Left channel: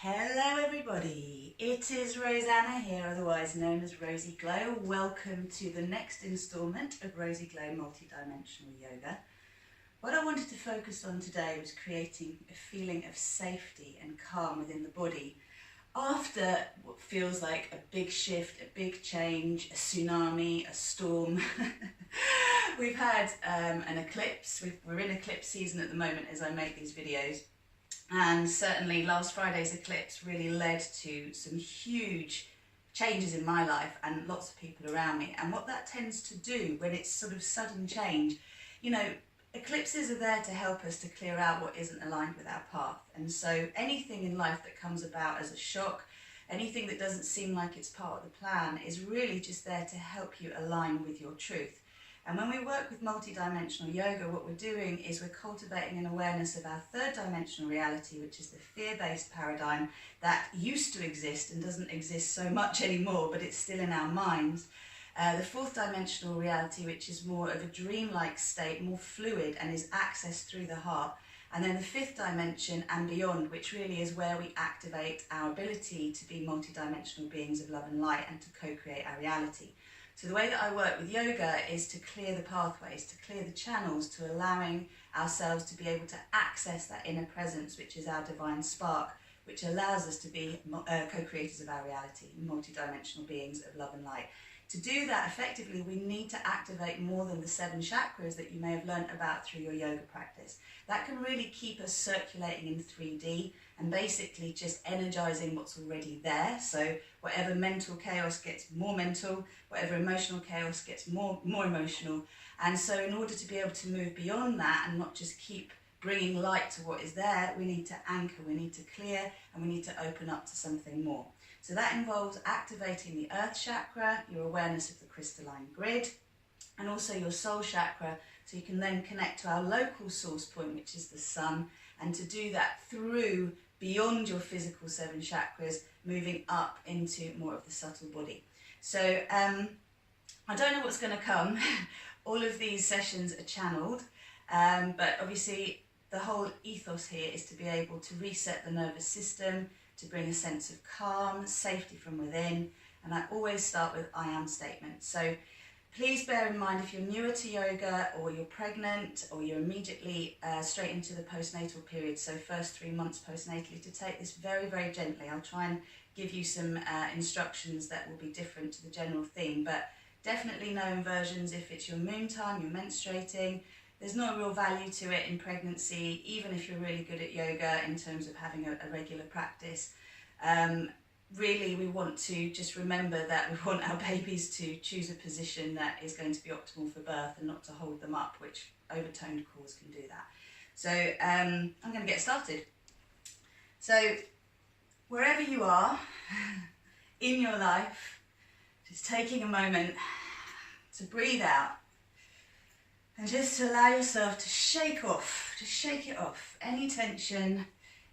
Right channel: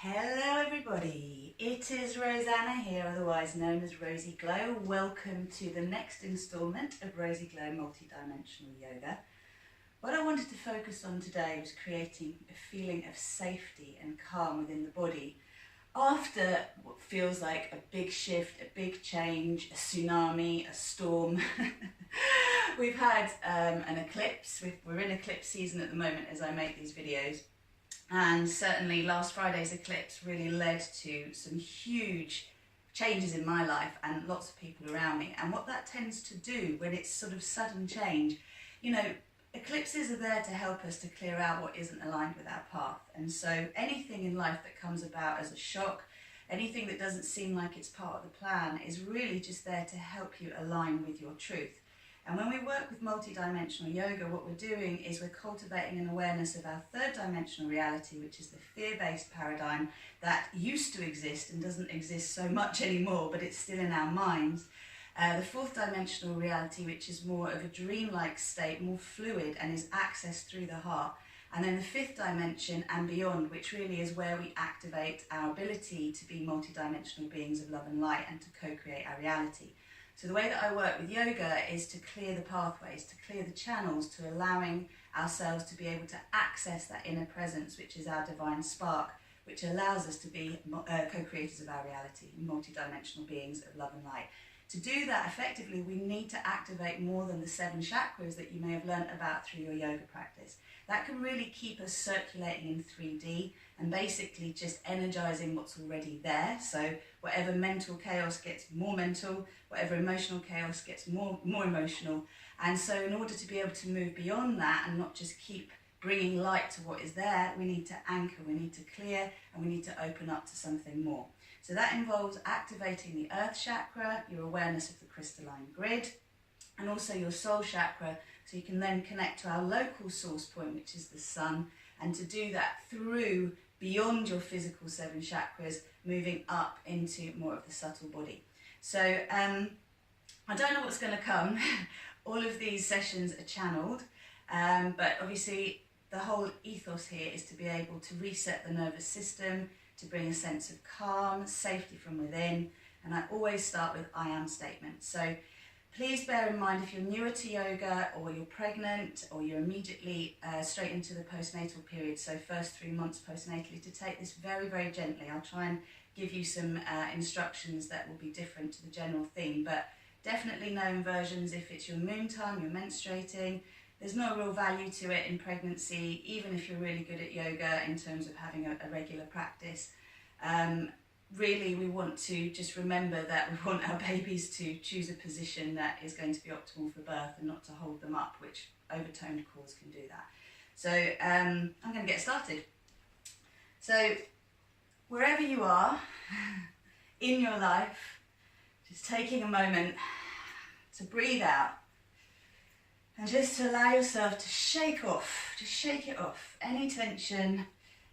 Hello everybody, it is Rosanna here, otherwise known as RozyGlow. Welcome to the next instalment of RozyGlow MultiDimensional Yoga. What I wanted to focus on today was creating a feeling of safety and calm within the body after what feels like a big shift, a big change, a tsunami, a storm. We've had an eclipse. We're in eclipse season at the moment as I make these videos. And certainly last Friday's eclipse really led to some huge changes in my life and lots of people around me. And what that tends to do when it's sort of sudden change, you know, eclipses are there to help us to clear out what isn't aligned with our path. And so anything in life that comes about as a shock, anything that doesn't seem like it's part of the plan, is really just there to help you align with your truth. And when we work with multidimensional yoga, what we're doing is we're cultivating an awareness of our third dimensional reality, which is the fear-based paradigm that used to exist and doesn't exist so much anymore, but it's still in our minds. The fourth dimensional reality, which is more of a dreamlike state, more fluid and is accessed through the heart. And then the fifth dimension and beyond, which really is where we activate our ability to be multidimensional beings of love and light and to co-create our reality. So the way that I work with yoga is to clear the pathways, to clear the channels, to allowing ourselves to be able to access that inner presence, which is our divine spark, which allows us to be co-creators of our reality, multidimensional beings of love and light. To do that effectively, we need to activate more than the 7 chakras that you may have learnt about through your yoga practice. That can really keep us circulating in 3D and basically just energizing what's already there. So whatever mental chaos gets more mental, whatever emotional chaos gets more emotional. And so in order to be able to move beyond that and not just keep bringing light to what is there, we need to anchor, we need to clear, and we need to open up to something more. So that involves activating the earth chakra, your awareness of the crystalline grid, and also your soul chakra, so you can then connect to our local source point, which is the sun, and to do that through beyond your physical 7 chakras, moving up into more of the subtle body. So I don't know what's going to come. All of these sessions are channeled, but obviously the whole ethos here is to be able to reset the nervous system, to bring a sense of calm, safety from within, and I always start with I am statements. So please bear in mind, if you're newer to yoga or you're pregnant or you're immediately straight into the postnatal period, so first 3 months postnatally, to take this very, very gently. I'll try and give you some instructions that will be different to the general theme, but definitely no inversions if it's your moon time, you're menstruating. There's no real value to it in pregnancy, even if you're really good at yoga in terms of having a regular practice. Really, we want to just remember that we want our babies to choose a position that is going to be optimal for birth and not to hold them up, which overtoned cores can do that. So I'm going to get started. So wherever you are in your life, just taking a moment to breathe out and just to allow yourself to shake it off, any tension,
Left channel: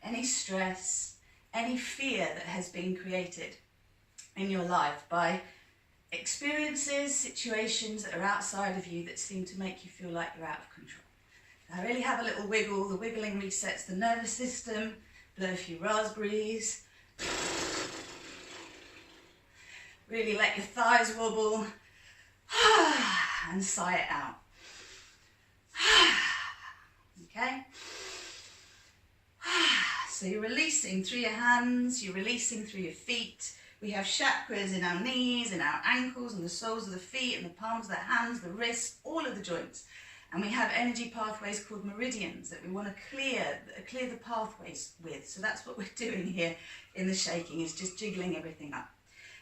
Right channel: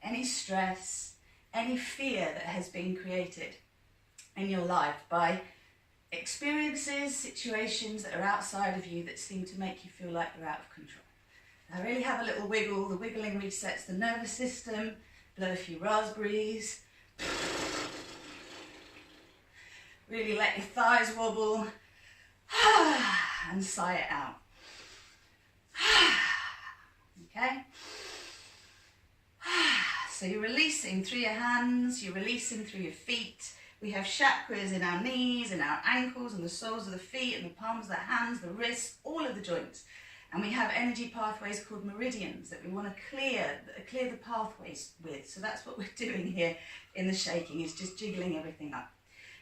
any stress, any fear that has been created in your life by experiences, situations that are outside of you that seem to make you feel like you're out of control. Now really have a little wiggle. The wiggling resets the nervous system. Blow a few raspberries. Really let your thighs wobble and sigh it out. Okay? So you're releasing through your hands, you're releasing through your feet. We have chakras in our knees, in our ankles, and the soles of the feet, and the palms of the hands, the wrists, all of the joints. And we have energy pathways called meridians that we want to clear the pathways with. So that's what we're doing here in the shaking, is just jiggling everything up.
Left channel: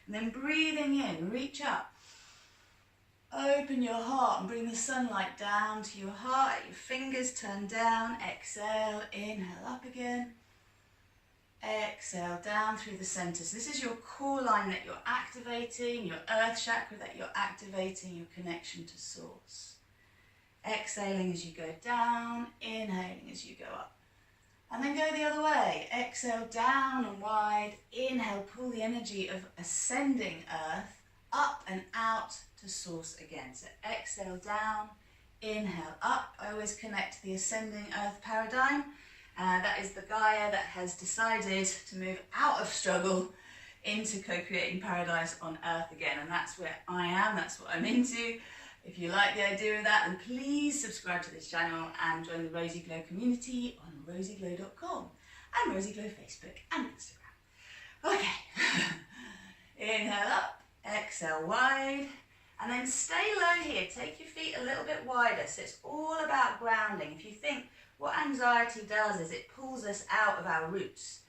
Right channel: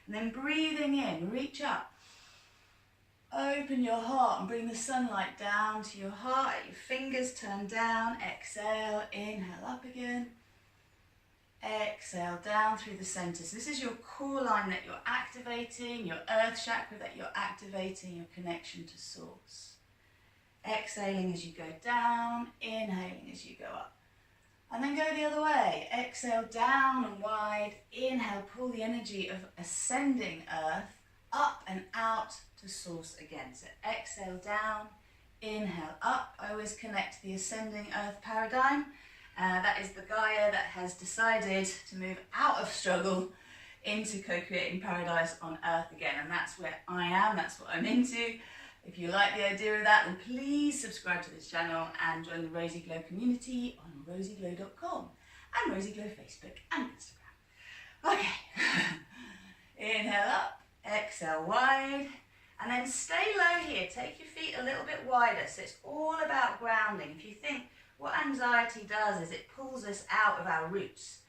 And then breathing in, reach up. Open your heart and bring the sunlight down to your heart. Your fingers turn down. Exhale, inhale up again. Exhale down through the center. So this is your core line that you're activating, your earth chakra that you're activating, your connection to source. Exhaling as you go down, inhaling as you go up. And then go the other way. Exhale down and wide. Inhale, pull the energy of ascending earth up and out to source again. So exhale down, inhale up. I always connect the ascending earth paradigm That is the Gaia that has decided to move out of struggle into co-creating paradise on earth again, and that's where I am, that's what I'm into. If you like the idea of that, then please subscribe to this channel and join the RozyGlow community on rozyglow.com and RozyGlow Facebook and Instagram. Okay, inhale up, exhale wide, and then stay low here. Take your feet a little bit wider, so it's all about grounding. If you think what anxiety does is it pulls us out of our roots,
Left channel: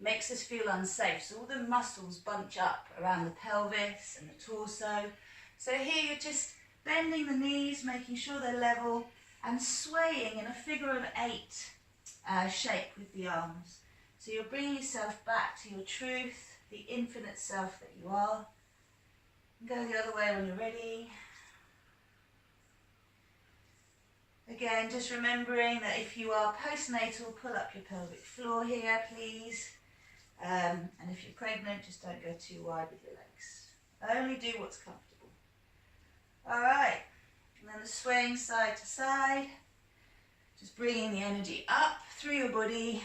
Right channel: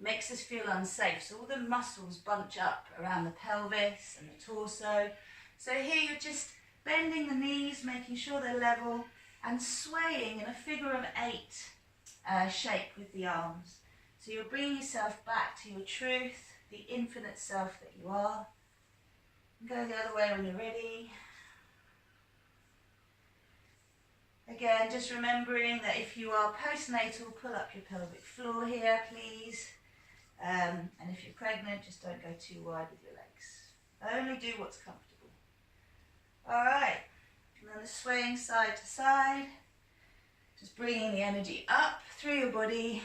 makes us feel unsafe, so all the muscles bunch up around the pelvis and the torso. So here you're just bending the knees, making sure they're level, and swaying in a figure of 8 shape with the arms. So you're bringing yourself back to your truth, the infinite self that you are. And go the other way when you're ready. Again, just remembering that if you are postnatal, pull up your pelvic floor here, please. And if you're pregnant, just don't go too wide with your legs. Only do what's comfortable. All right, and then the swaying side to side. Just bringing the energy up through your body,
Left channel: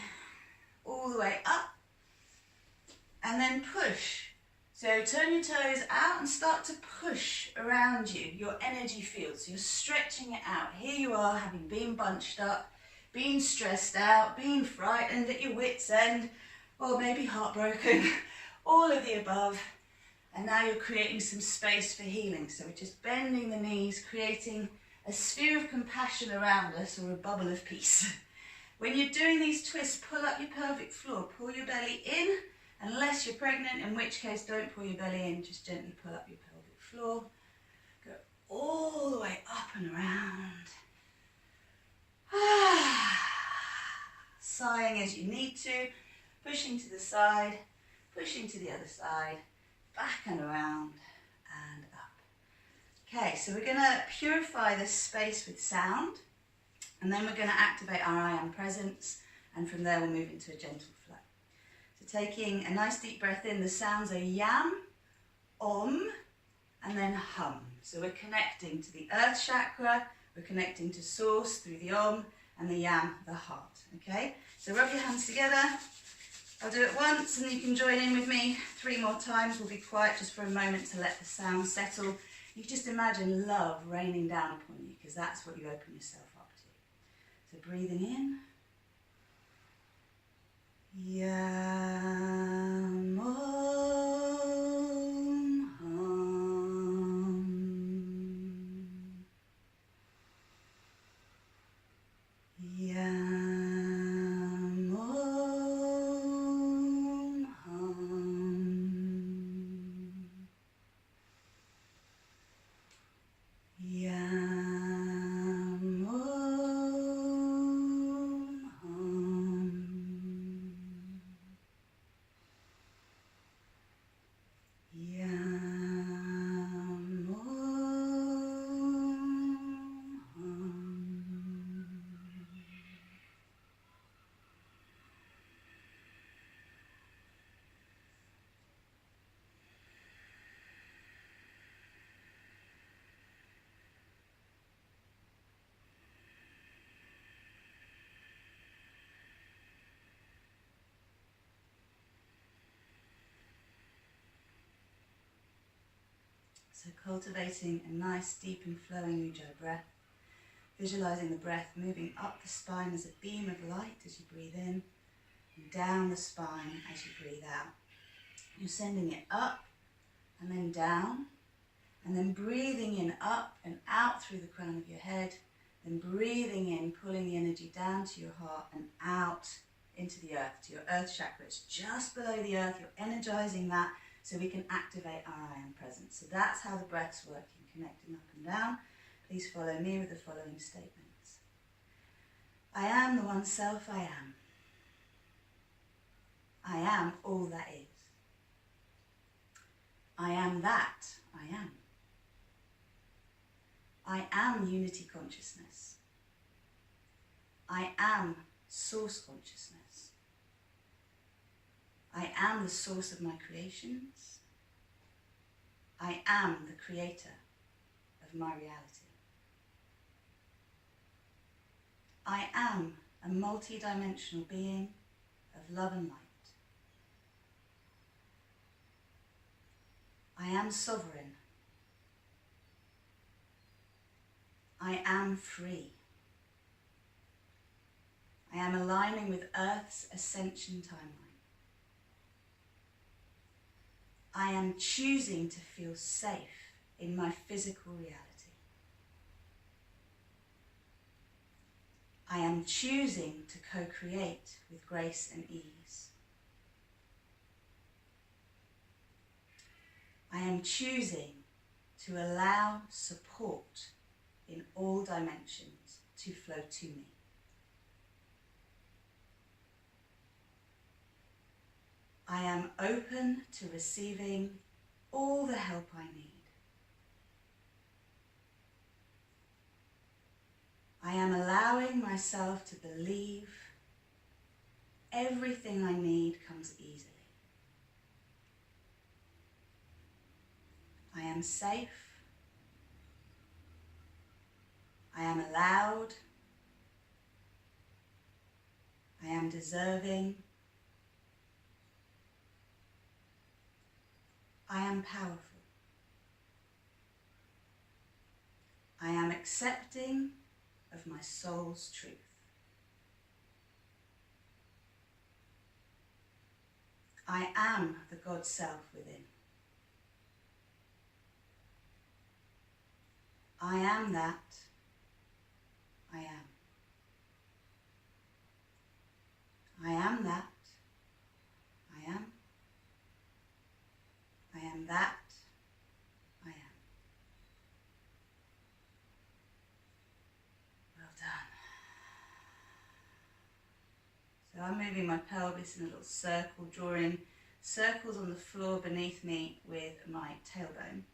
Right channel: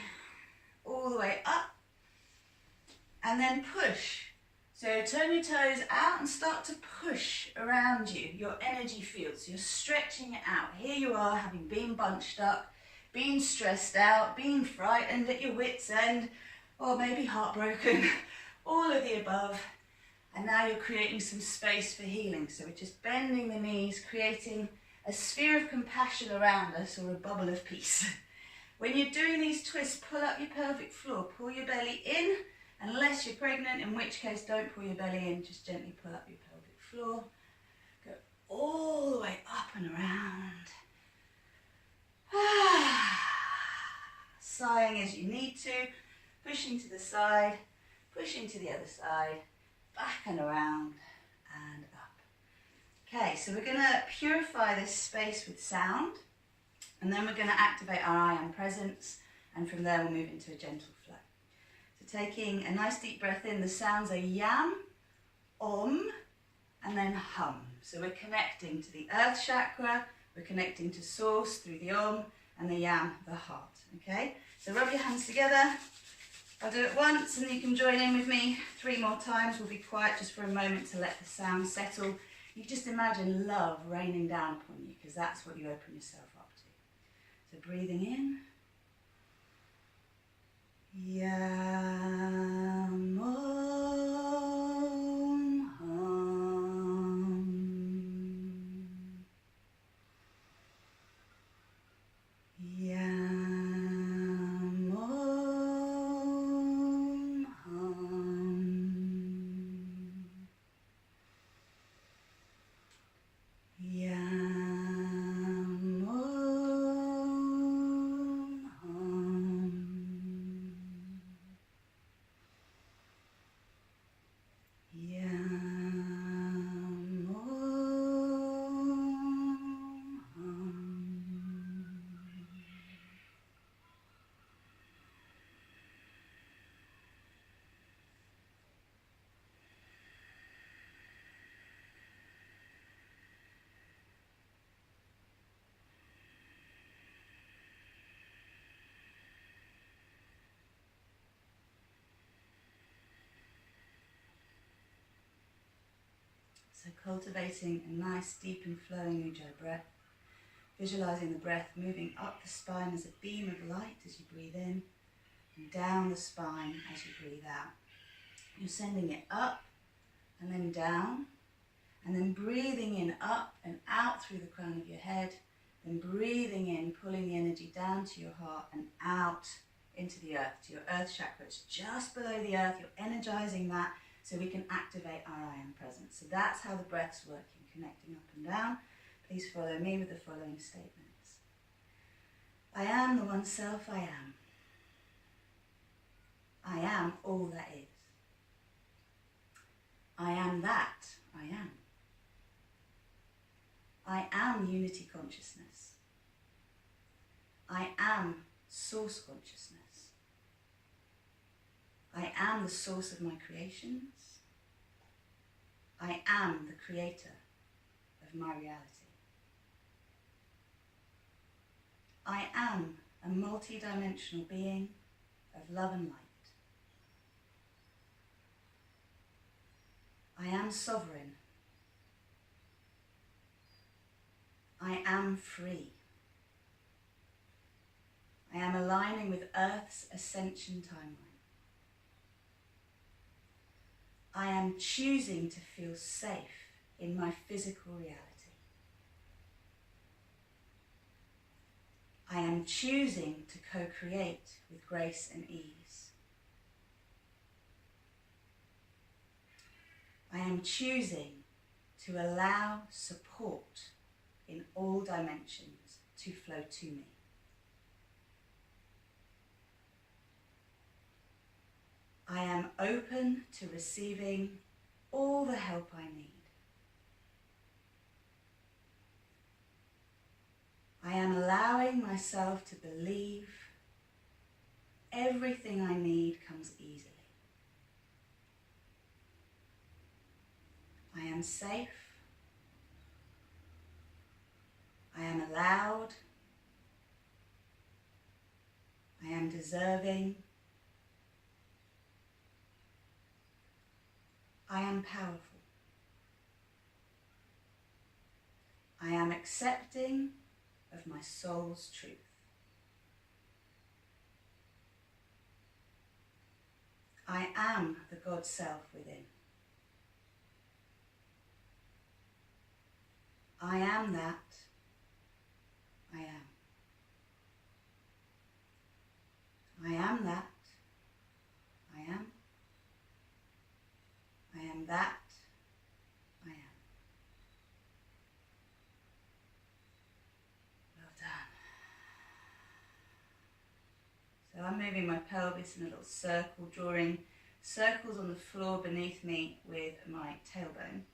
all the way up. And then push. So turn your toes out and start to push around you, your energy field. So you're stretching it out. Here you are, having been bunched up, being stressed out, being frightened at your wit's end, or maybe heartbroken, all of the above. And now you're creating some space for healing. So we're just bending the knees, creating a sphere of compassion around us, or a bubble of peace. When you're doing these twists, pull up your pelvic floor, pull your belly in, unless you're pregnant, in which case don't pull your belly in, just gently pull up your pelvic floor. Go all the way up and around. Sighing as you need to, pushing to the side, pushing to the other side, back and around and up. Okay, so we're going to purify this space with sound, and then we're going to activate our I am presence, and from there we'll move into a gentle flow. So taking a nice deep breath in, the sounds are yam, om, and then hum. So we're connecting to the earth chakra, we're connecting to source through the om, and the yam, the heart. Okay, so rub your hands together. I'll do it once and you can join in with me 3 more times. We'll be quiet just for a moment to let the sound settle. You just imagine love raining down upon you, because that's what you open yourself up to. So breathing in. Yam, om, hum. Yam, om, hum. Yam, om, hum. Yam, om, hum. So cultivating a nice deep and flowing Ujjayi breath, visualizing the breath moving up the spine as a beam of light as you breathe in, and down the spine as you breathe out. You're sending it up and then down, and then breathing in up and out through the crown of your head, then breathing in, pulling the energy down to your heart and out into the earth, to your earth chakra. It's just below the earth. You're energizing that so we can activate our I am presence. So that's how the breath's working, connecting up and down. Please follow me with the following statements. I am the one self I am. I am all that is. I am that I am. I am unity consciousness. I am source consciousness. I am the source of my creations. I am the creator of my reality. I am a multi-dimensional being of love and light. I am sovereign. I am free. I am aligning with Earth's ascension timeline. I am choosing to feel safe in my physical reality. I am choosing to co-create with grace and ease. I am choosing to allow support in all dimensions to flow to me. I am open to receiving all the help I need. I am allowing myself to believe everything I need comes easily. I am safe. I am allowed. I am deserving. I am powerful. I am accepting of my soul's truth. I am the God self within. I am that. I am. I am that. I am. I am that. I am. Well done. So I'm moving my pelvis in a little circle, drawing circles on the floor beneath me with my tailbone,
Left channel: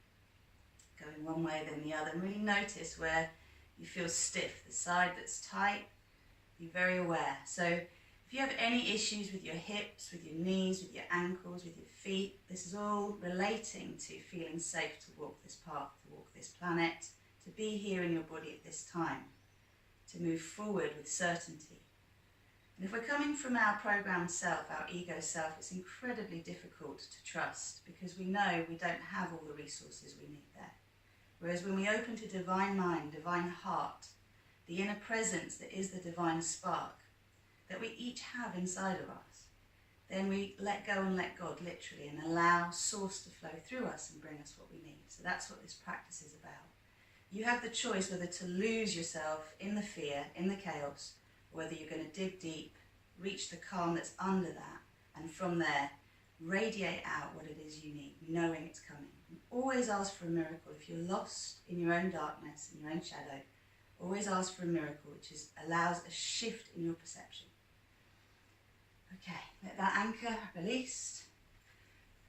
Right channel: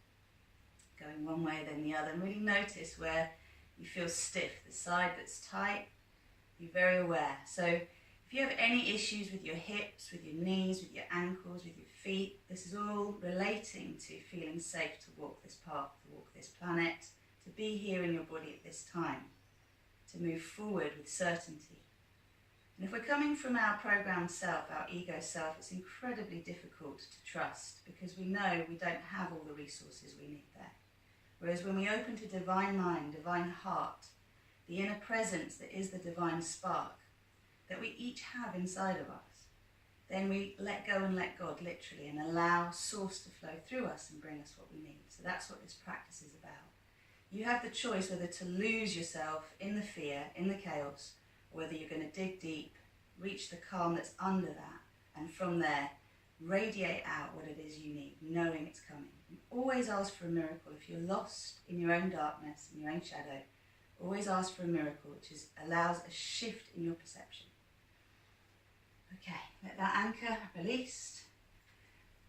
going one way then the other. And really notice where you feel stiff, the side that's tight. Be very aware. So if you have any issues with your hips, with your knees, with your ankles, with your feet, this is all relating to feeling safe to walk this path, to walk this planet, to be here in your body at this time, to move forward with certainty. And if we're coming from our programmed self, our ego self, it's incredibly difficult to trust because we know we don't have all the resources we need there. Whereas when we open to divine mind, divine heart, the inner presence that is the divine spark that we each have inside of us, then we let go and let God, literally, and allow source to flow through us and bring us what we need. So that's what this practice is about. You have the choice whether to lose yourself in the fear, in the chaos, or whether you're going to dig deep, reach the calm that's under that, and from there, radiate out what it is you need, knowing it's coming. And always ask for a miracle. If you're lost in your own darkness, in your own shadow, always ask for a miracle, which allows a shift in your perception. Okay, let that anchor released.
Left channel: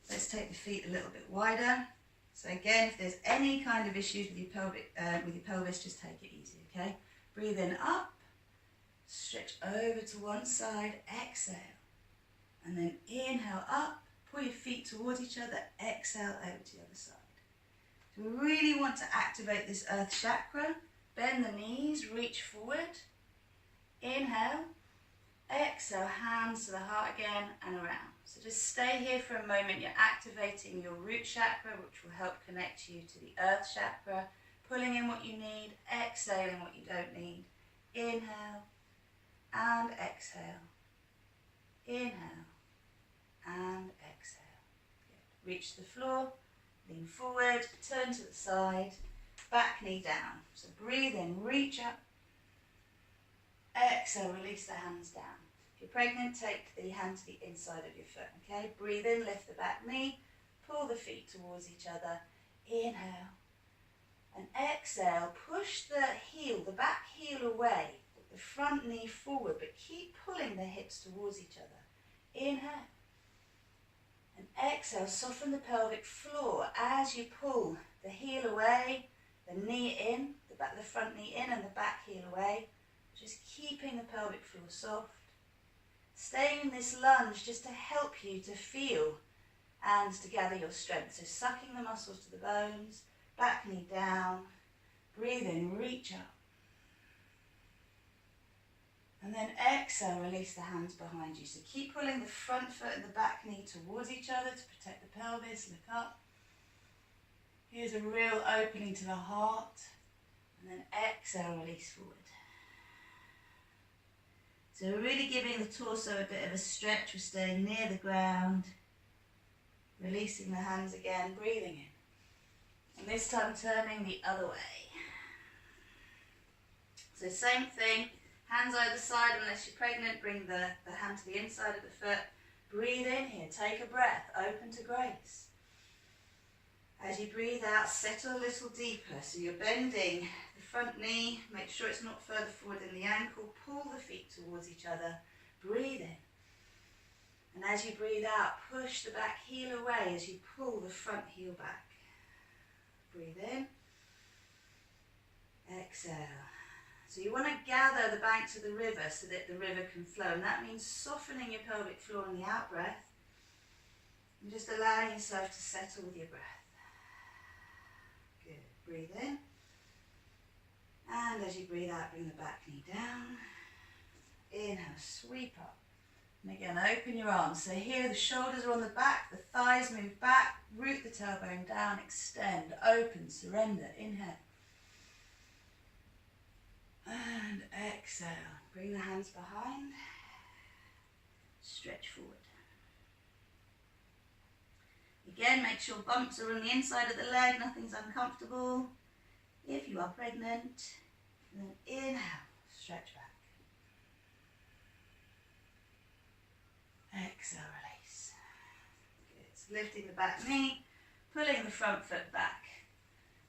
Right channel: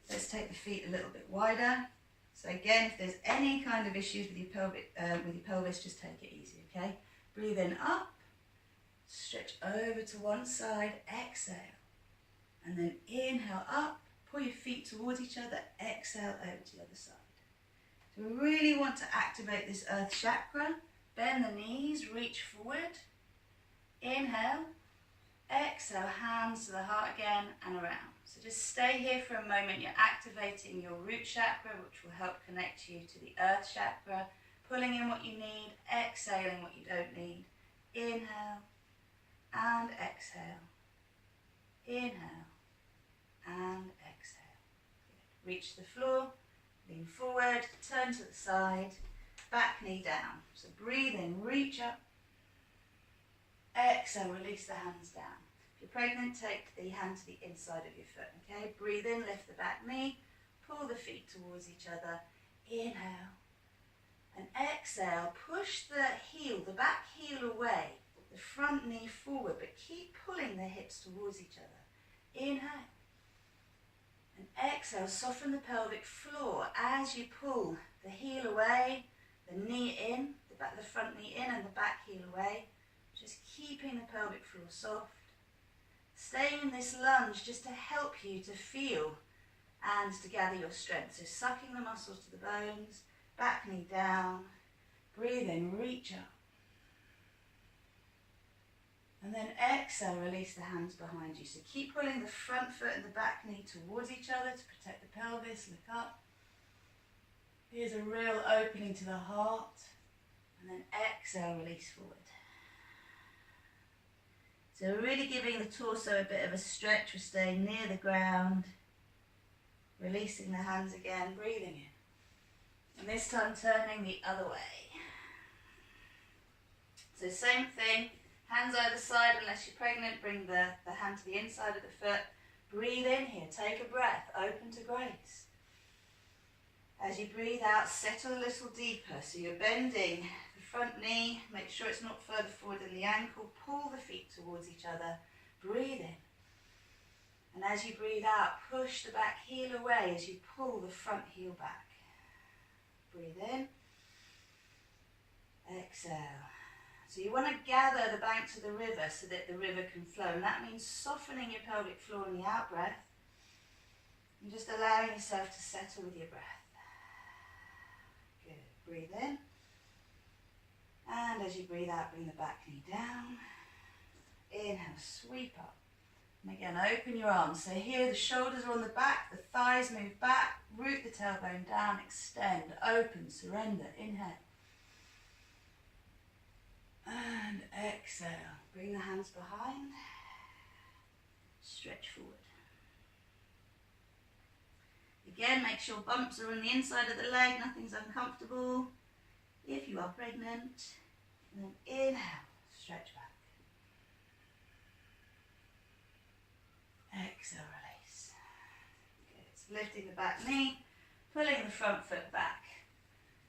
Let's take the feet a little bit wider. So again, if there's any kind of issues with your pelvis, just take it easy, okay? Breathe in up, stretch over to one side, exhale. And then inhale up, pull your feet towards each other, exhale out to the other side. So we really want to activate this earth chakra. Bend the knees, reach forward. Inhale. Exhale, hands to the heart again and around. So just stay here for a moment. You're activating your root chakra, which will help connect you to the earth chakra. Pulling in what you need, exhaling what you don't need. Inhale and exhale. Inhale and exhale. Good. Reach the floor, lean forward, turn to the side, back knee down. So breathe in, reach up. Exhale, release the hands down. If you're pregnant, take the hand to the inside of your foot, okay? Breathe in, lift the back knee, pull the feet towards each other. Inhale. And exhale, push the heel, the back heel away, the front knee forward, but keep pulling the hips towards each other. Inhale. And exhale, soften the pelvic floor as you pull the heel away, the knee in, the front knee in and the back heel away. Just keeping the pelvic floor soft. Staying in this lunge just to help you to feel and to gather your strength. So sucking the muscles to the bones, back knee down. Breathe in, reach up. And then exhale, release the hands behind you. So keep pulling the front foot and the back knee towards each other to protect the pelvis. Look up. Here's a real opening to the heart. And then exhale, release forward. So we're really giving the torso a bit of a stretch. We're staying near the ground. Releasing the hands again, breathing in. And this time turning the other way. So same thing, hands either side unless you're pregnant. Bring the hand to the inside of the foot. Breathe in here, take a breath, open to grace. As you breathe out, settle a little deeper. So you're bending the front knee, make sure it's not further forward than the ankle. Pull the feet towards each other, breathe in. And as you breathe out, push the back heel away as you pull the front heel back. Breathe in, exhale. So you want to gather the banks of the river so that the river can flow. And that means softening your pelvic floor on the out breath and just allowing yourself to settle with your breath. Good. Breathe in. And as you breathe out, bring the back knee down. Inhale, sweep up. And again, open your arms. So here the shoulders are on the back, the thighs move back, root the tailbone down, extend, open, surrender. Inhale. And exhale. Bring the hands behind. Stretch forward. Again, make sure bumps are on the inside of the leg, nothing's uncomfortable. If you are pregnant, and then inhale, stretch back. Exhale, release. Good. So lifting the back knee, pulling the front foot back.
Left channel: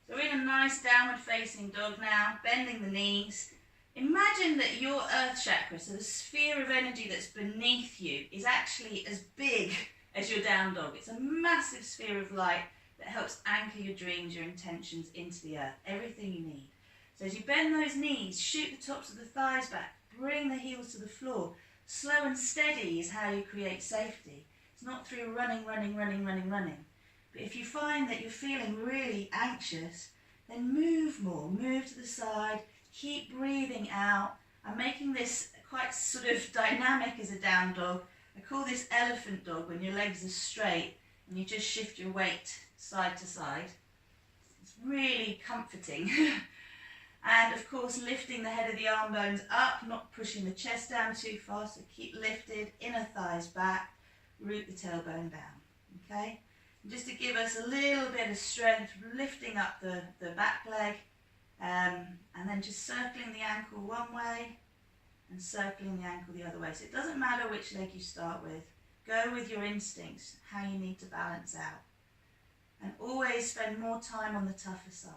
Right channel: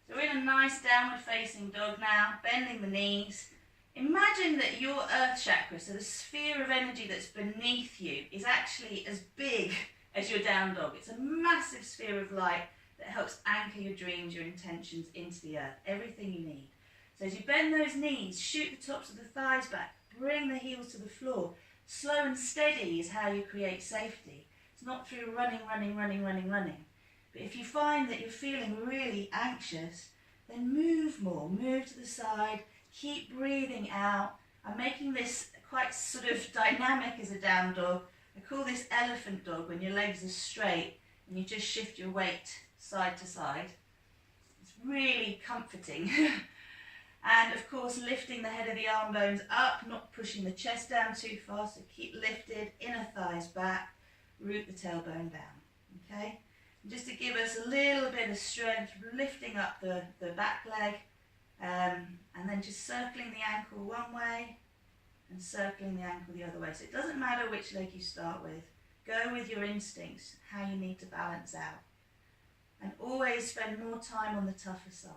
So we're in a nice downward facing dog now, bending the knees. Imagine that your earth chakra, so the sphere of energy that's beneath you, is actually as big as your down dog. It's a massive sphere of light that helps anchor your dreams, your intentions into the earth, everything you need. So as you bend those knees, shoot the tops of the thighs back, bring the heels to the floor. Slow and steady is how you create safety. It's not through running. But if you find that you're feeling really anxious, then move more, move to the side, keep breathing out. I'm making this quite sort of dynamic as a down dog. I call this elephant dog when your legs are straight and you just shift your weight side to side. It's really comforting. And of course, lifting the head of the arm bones up, not pushing the chest down too far, so keep lifted, inner thighs back, root the tailbone down, okay? And just to give us a little bit of strength, lifting up the back leg, and then just circling the ankle one way and circling the ankle the other way. So it doesn't matter which leg you start with. Go with your instincts, how you need to balance out. And always spend more time on the tougher side.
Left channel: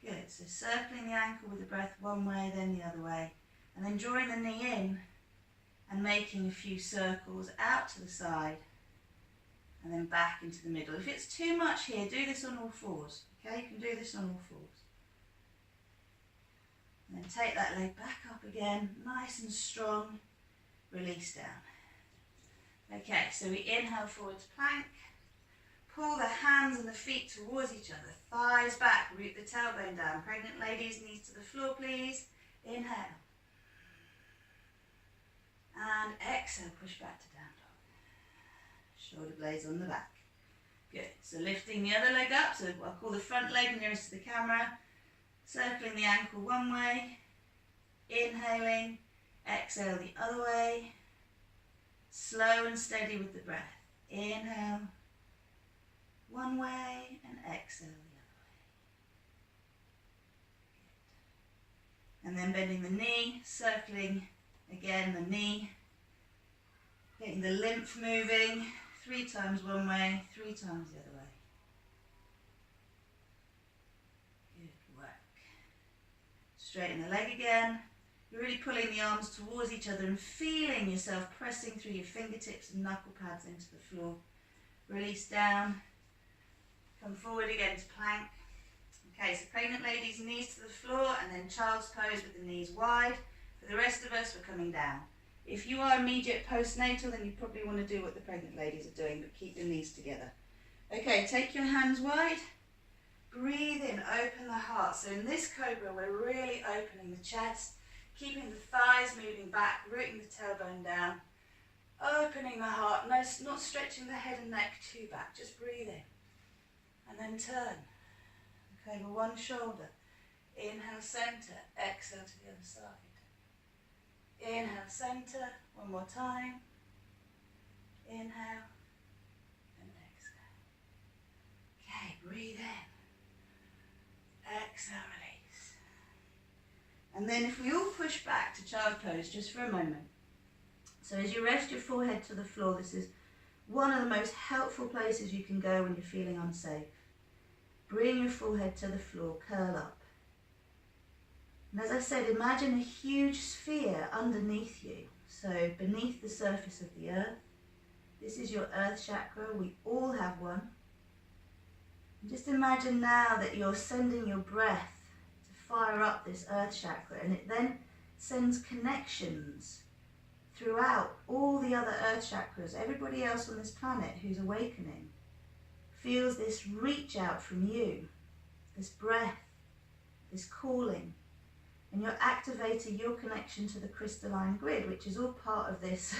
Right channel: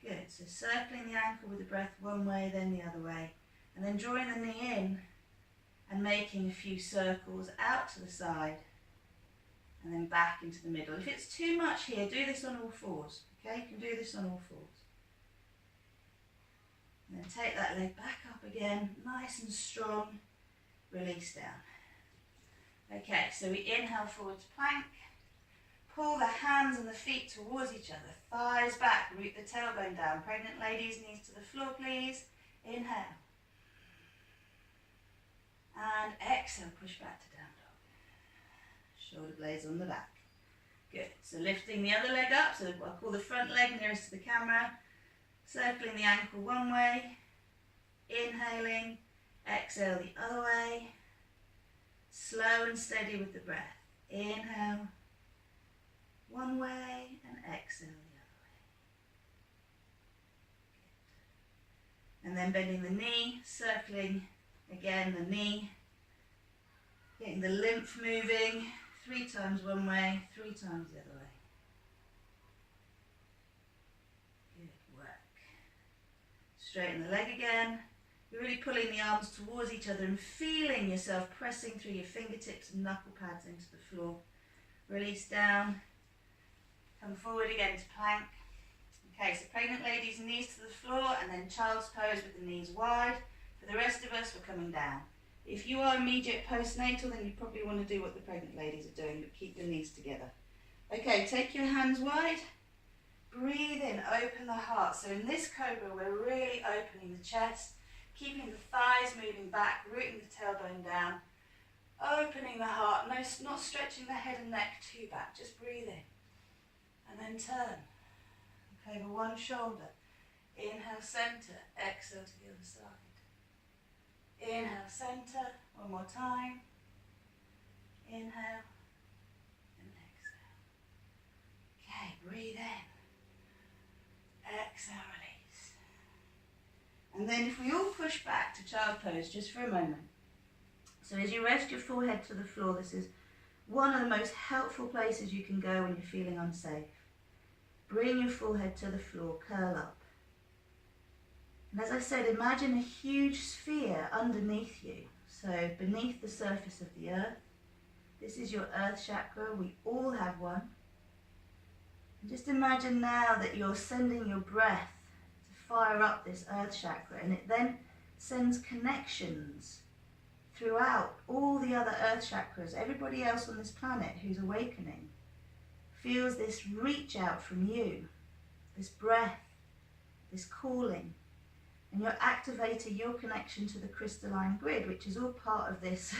Good, so circling the ankle with the breath one way, then the other way. And then drawing the knee in and making a few circles out to the side and then back into the middle. If it's too much here, do this on all fours. Okay, you can do this on all fours. And then take that leg back up again, nice and strong. Release down. Okay, so we inhale forward to plank. Pull the hands and the feet towards each other. Thighs back, root the tailbone down. Pregnant ladies, knees to the floor, please. Inhale. And exhale, push back to down dog. Shoulder blades on the back. Good. So lifting the other leg up. So I'll call the front leg nearest to the camera. Circling the ankle one way. Inhaling. Exhale the other way. Slow and steady with the breath. Inhale. One way and exhale the other way. Good. And then bending the knee, circling again the knee. Getting the lymph moving. 3 times one way, 3 times the other way. Good work. Straighten the leg again. You're really pulling the arms towards each other and feeling yourself pressing through your fingertips and knuckle pads into the floor. Release down. Come forward again to plank. Okay, so pregnant ladies, knees to the floor and then child's pose with the knees wide. For the rest of us, we're coming down. If you are immediate postnatal, then you probably want to do what the pregnant ladies are doing, but keep the knees together. Okay, take your hands wide. Breathe in, open the heart. So in this cobra, we're really opening the chest. Keeping the thighs moving back, rooting the tailbone down, opening the heart, no, not stretching the head and neck too back, just breathe in. And then turn. Okay, over one shoulder. Inhale, center, exhale to the other side. Inhale, center, one more time. Inhale, and exhale. Okay, breathe in. Exhale, release. And then if we all push back to child pose just for a moment. So as you rest your forehead to the floor, this is one of the most helpful places you can go when you're feeling unsafe. Bring your forehead to the floor, curl up. And as I said, imagine a huge sphere underneath you. So beneath the surface of the earth. This is your earth chakra. We all have one. And just imagine now that you're sending your breath to fire up this earth chakra, and it then sends connections throughout all the other earth chakras. Everybody else on this planet who's awakening feels this reach out from you, this breath, this calling. And you're activating your connection to the crystalline grid, which is all part of this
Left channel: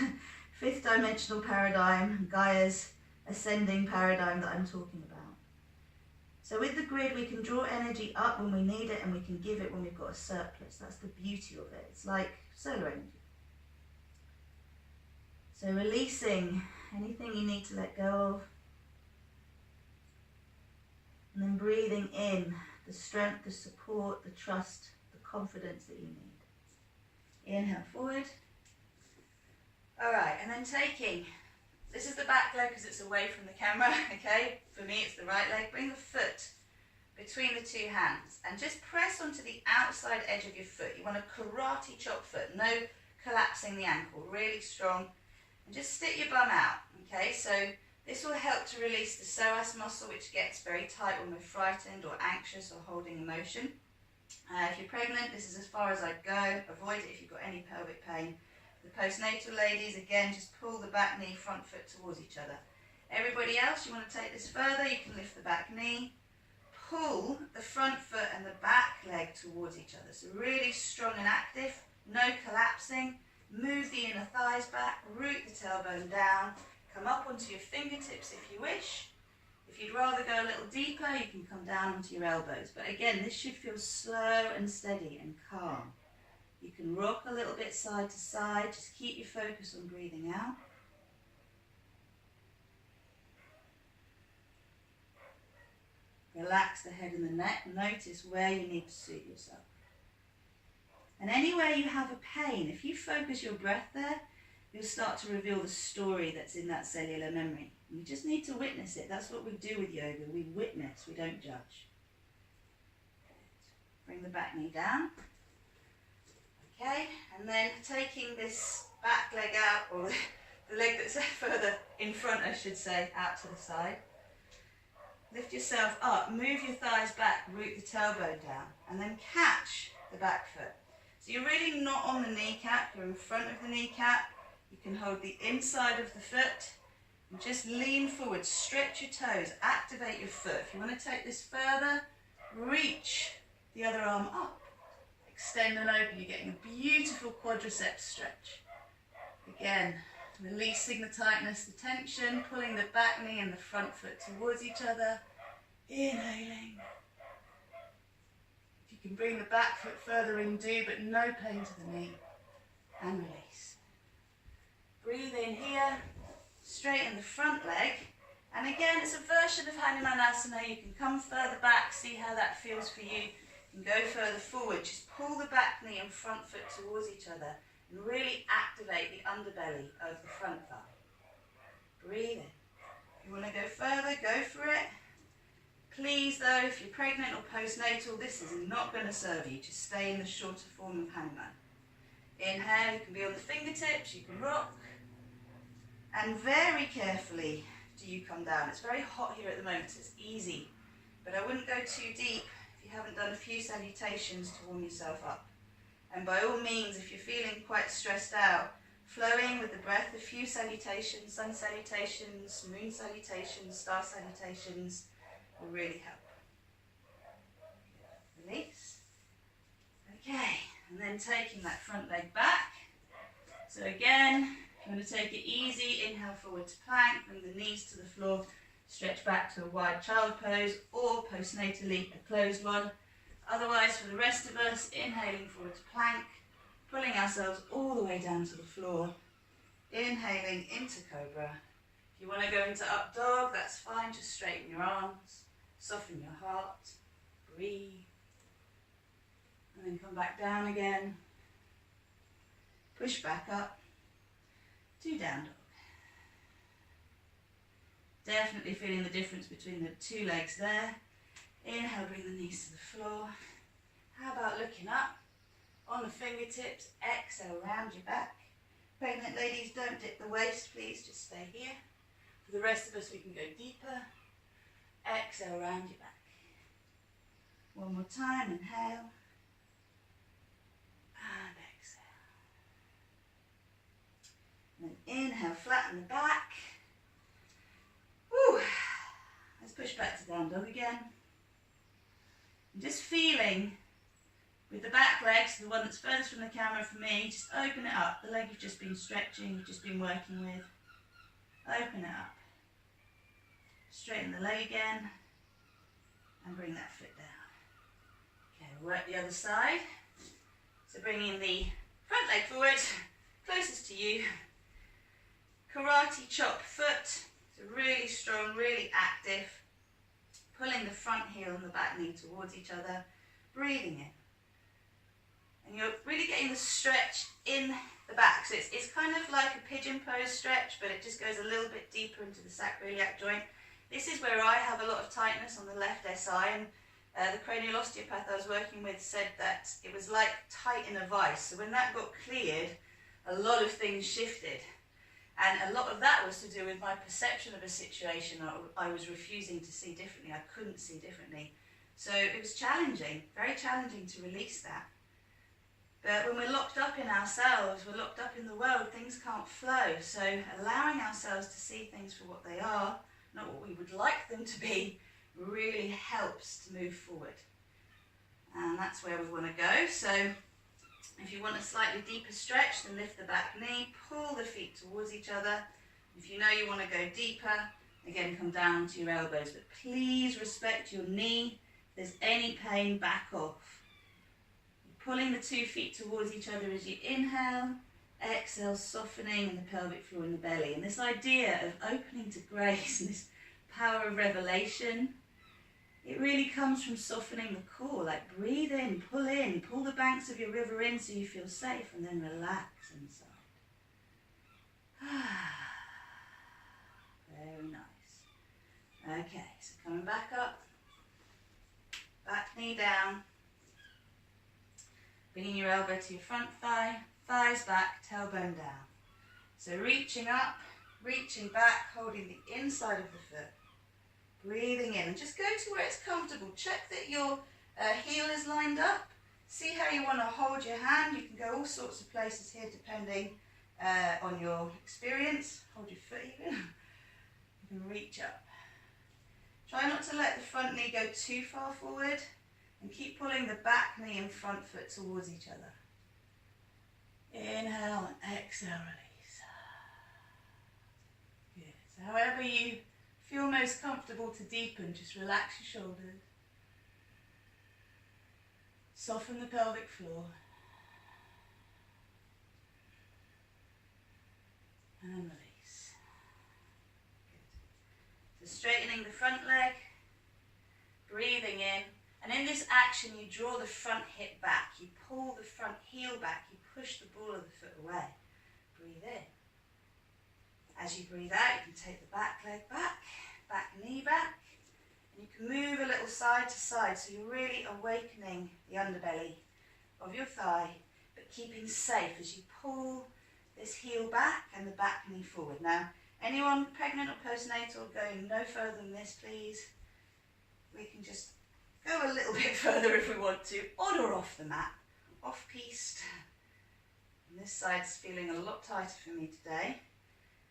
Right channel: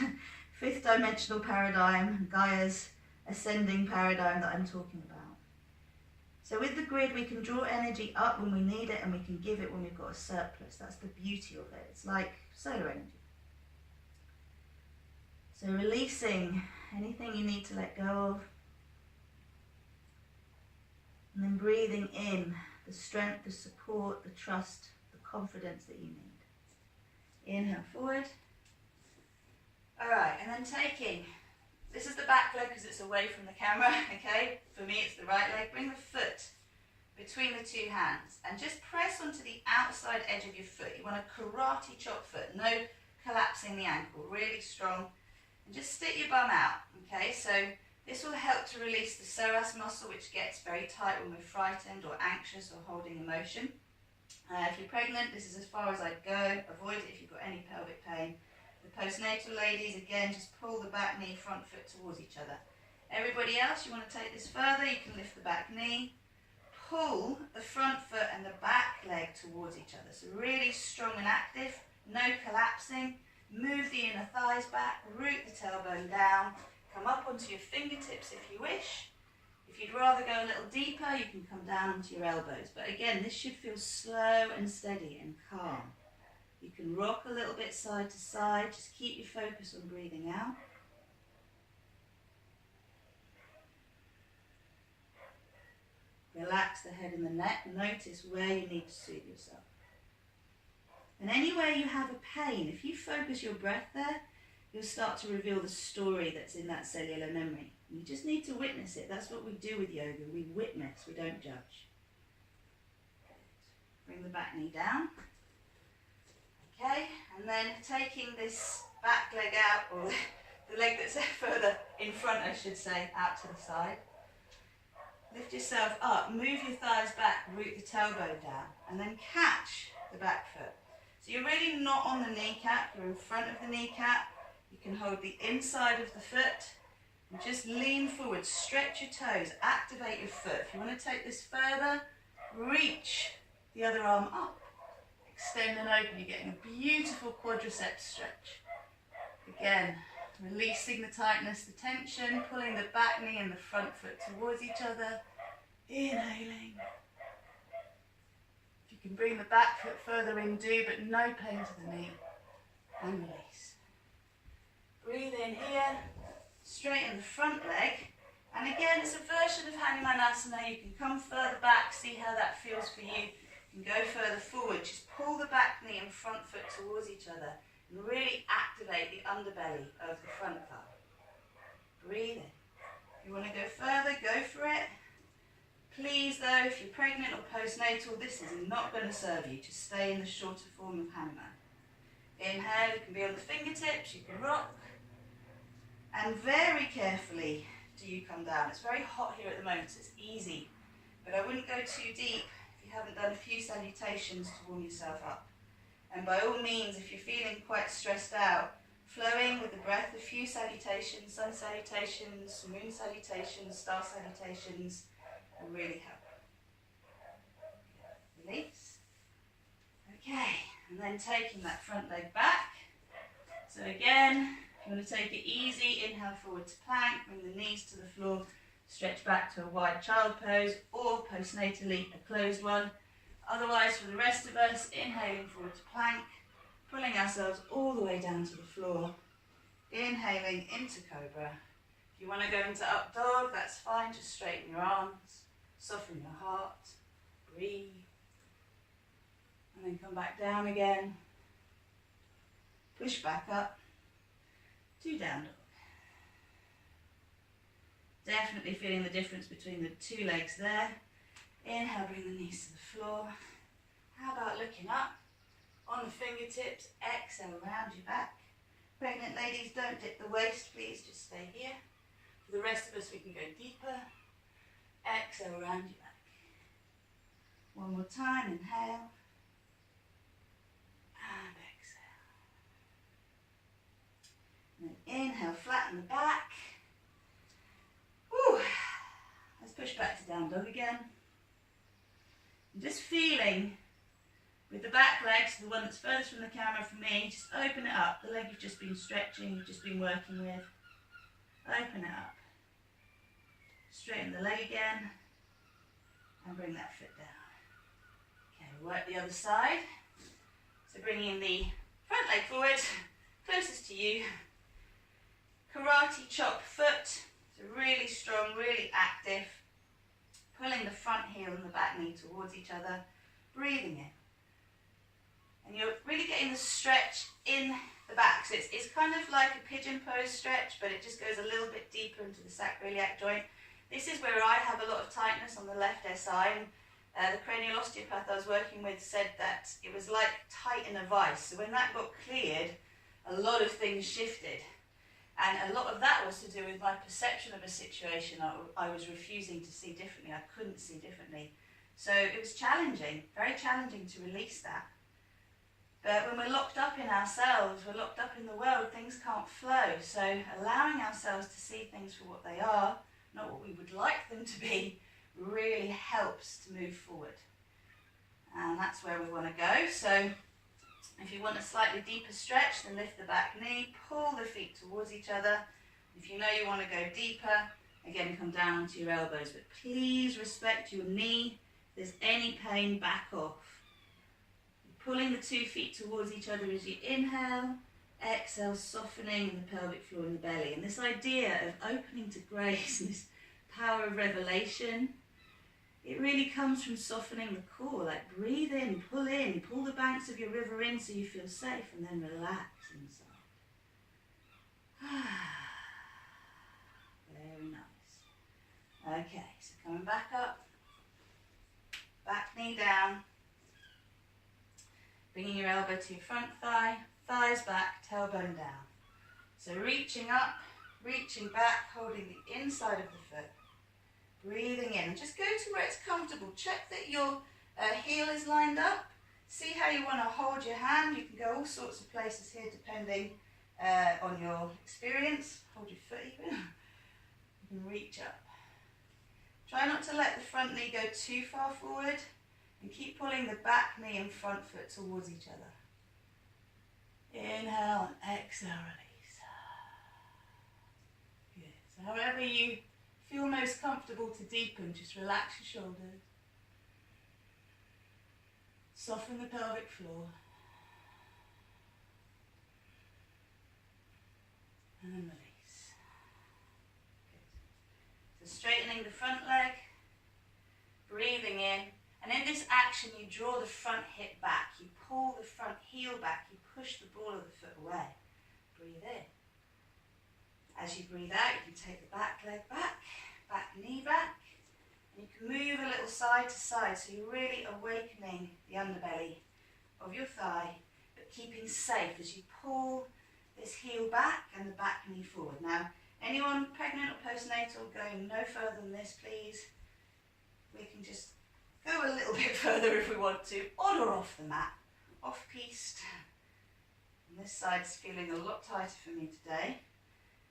fifth dimensional paradigm, Gaia's ascending paradigm that I'm talking about. So with the grid, we can draw energy up when we need it, and we can give it when we've got a surplus. That's the beauty of it. It's like solar energy. So releasing anything you need to let go of. And then breathing in the strength, the support, the trust, the confidence that you need. Inhale forward. All right, and then taking, this is the back leg because it's away from the camera, okay? For me, it's the right leg. Bring the foot between the two hands and just press onto the outside edge of your foot. You want a karate chop foot, no collapsing the ankle, really strong. And just stick your bum out, okay? So this will help to release the psoas muscle, which gets very tight when we're frightened or anxious or holding emotion. If you're pregnant, this is as far as I'd go. Avoid it if you've got any pelvic pain. The postnatal ladies, again, just pull the back knee, front foot towards each other. Everybody else, you want to take this further, you can lift the back knee, pull the front foot and the back leg towards each other. So really strong and active, no collapsing. Move the inner thighs back, root the tailbone down, come up onto your fingertips if you wish. If you'd rather go a little deeper, you can come down onto your elbows. But again, this should feel slow and steady and calm. You can rock a little bit side to side. Just keep your focus on breathing out. Relax the head and the neck. Notice where you need to soothe yourself. And anywhere you have a pain, if you focus your breath there, you'll start to reveal the story that's in that cellular memory. You just need to witness it. That's what we do with yoga. We witness, we don't judge. Bring the back knee down. Okay, and then taking this back leg out, or the leg that's further in front, I should say, out to the side. Lift yourself up, move your thighs back, root the tailbone down, and then catch the back foot. So you're really not on the kneecap, you're in front of the kneecap. You can hold the inside of the foot and just lean forward, stretch your toes, activate your foot. If you want to take this further, reach the other arm up. Extend and open, you're getting a beautiful quadriceps stretch. Again, releasing the tightness, the tension, pulling the back knee and the front foot towards each other. Inhaling. If you can bring the back foot further in, do, but no pain to the knee. And release. Breathe in here, straighten the front leg. And again, it's a version of Hanumanasana. You can come further back, see how that feels for you. You can go further forward, just pull the back knee and front foot towards each other and really activate the underbelly of the front thigh. Breathe in. If you want to go further, go for it. Please though, if you're pregnant or postnatal, this is not going to serve you. Just stay in the shorter form of Hanuman. Inhale, you can be on the fingertips, you can rock. And very carefully do you come down. It's very hot here at the moment, so it's easy. But I wouldn't go too deep if you haven't done a few salutations to warm yourself up. And by all means, if you're feeling quite stressed out, flowing with the breath, a few salutations, sun salutations, moon salutations, star salutations will really help. Release. Okay, And then taking that front leg back. So again, I'm going to take it easy. Inhale forward to plank, bring the knees to the floor, stretch back to a wide child pose, or postnatally a closed one. Otherwise, for the rest of us, inhaling forward to plank, pulling ourselves all the way down to the floor, inhaling into cobra. If you want to go into up dog, that's fine. Just straighten your arms, soften your heart, breathe, and then come back down again. Push back up to down dog. Definitely feeling the difference between the two legs there. Inhale, bring the knees to the floor. How about looking up on the fingertips? Exhale, round your back. Pregnant ladies, don't dip the waist, please, just stay here. For the rest of us, we can go deeper. Exhale, round your back. One more time, inhale. And exhale. And then inhale, flatten the back. Woo. Let's push back to down dog again. And just feeling with the back legs, the one that's furthest from the camera for me, just open it up. The leg you've just been stretching, you've just been working with. Open it up. Straighten the leg again. And bring that foot down. Okay, we'll work the other side. So bringing the front leg forward, closest to you. Karate chop foot. So really strong, really active. Pulling the front heel and the back knee towards each other. Breathing in. And you're really getting the stretch in the back. So it's kind of like a pigeon pose stretch, but it just goes a little bit deeper into the sacroiliac joint. This is where I have a lot of tightness on the left SI, and the cranial osteopath I was working with said that it was like tight in a vice. So when that got cleared, a lot of things shifted. And a lot of that was to do with my perception of a situation. I was refusing to see differently. I couldn't see differently. So it was challenging, very challenging to release that. But when we're locked up in ourselves, we're locked up in the world, things can't flow. So allowing ourselves to see things for what they are, not what we would like them to be, really helps to move forward. And that's where we want to go. So if you want a slightly deeper stretch, then lift the back knee, pull the feet towards each other. If you know you want to go deeper, again, come down onto your elbows. But please respect your knee. If there's any pain, back off. Pulling the 2 feet towards each other as you inhale, exhale, softening in the pelvic floor and the belly. And this idea of opening to grace and this power of revelation, it really comes from softening the core. Like breathe in, pull the banks of your river in so you feel safe, and then relax inside. Very nice. Okay, so coming back up, back knee down. Bringing your elbow to your front thigh, thighs back, tailbone down. So reaching up, reaching back, holding the inside of the foot. Breathing in. Just go to where it's comfortable. Check that your heel is lined up. See how you want to hold your hand. You can go all sorts of places here depending on your experience. Hold your foot even. You can reach up. Try not to let the front knee go too far forward. And keep pulling the back knee and front foot towards each other. Inhale and exhale, release. Good. So however you feel most comfortable to deepen, just relax your shoulders. Soften the pelvic floor. And release. Good. So straightening the front leg. Breathing in. And in this action, you draw the front hip back, you pull the front heel back, you push the ball of the foot away. Breathe in. As you breathe out, you can take the back leg back, back knee back, and you can move a little side to side, so you're really awakening the underbelly of your thigh, but keeping safe as you pull this heel back and the back knee forward. Now, anyone pregnant or postnatal going no further than this, please? We can just go a little bit further if we want to, on or off the mat, off-piste. And this side's feeling a lot tighter for me today,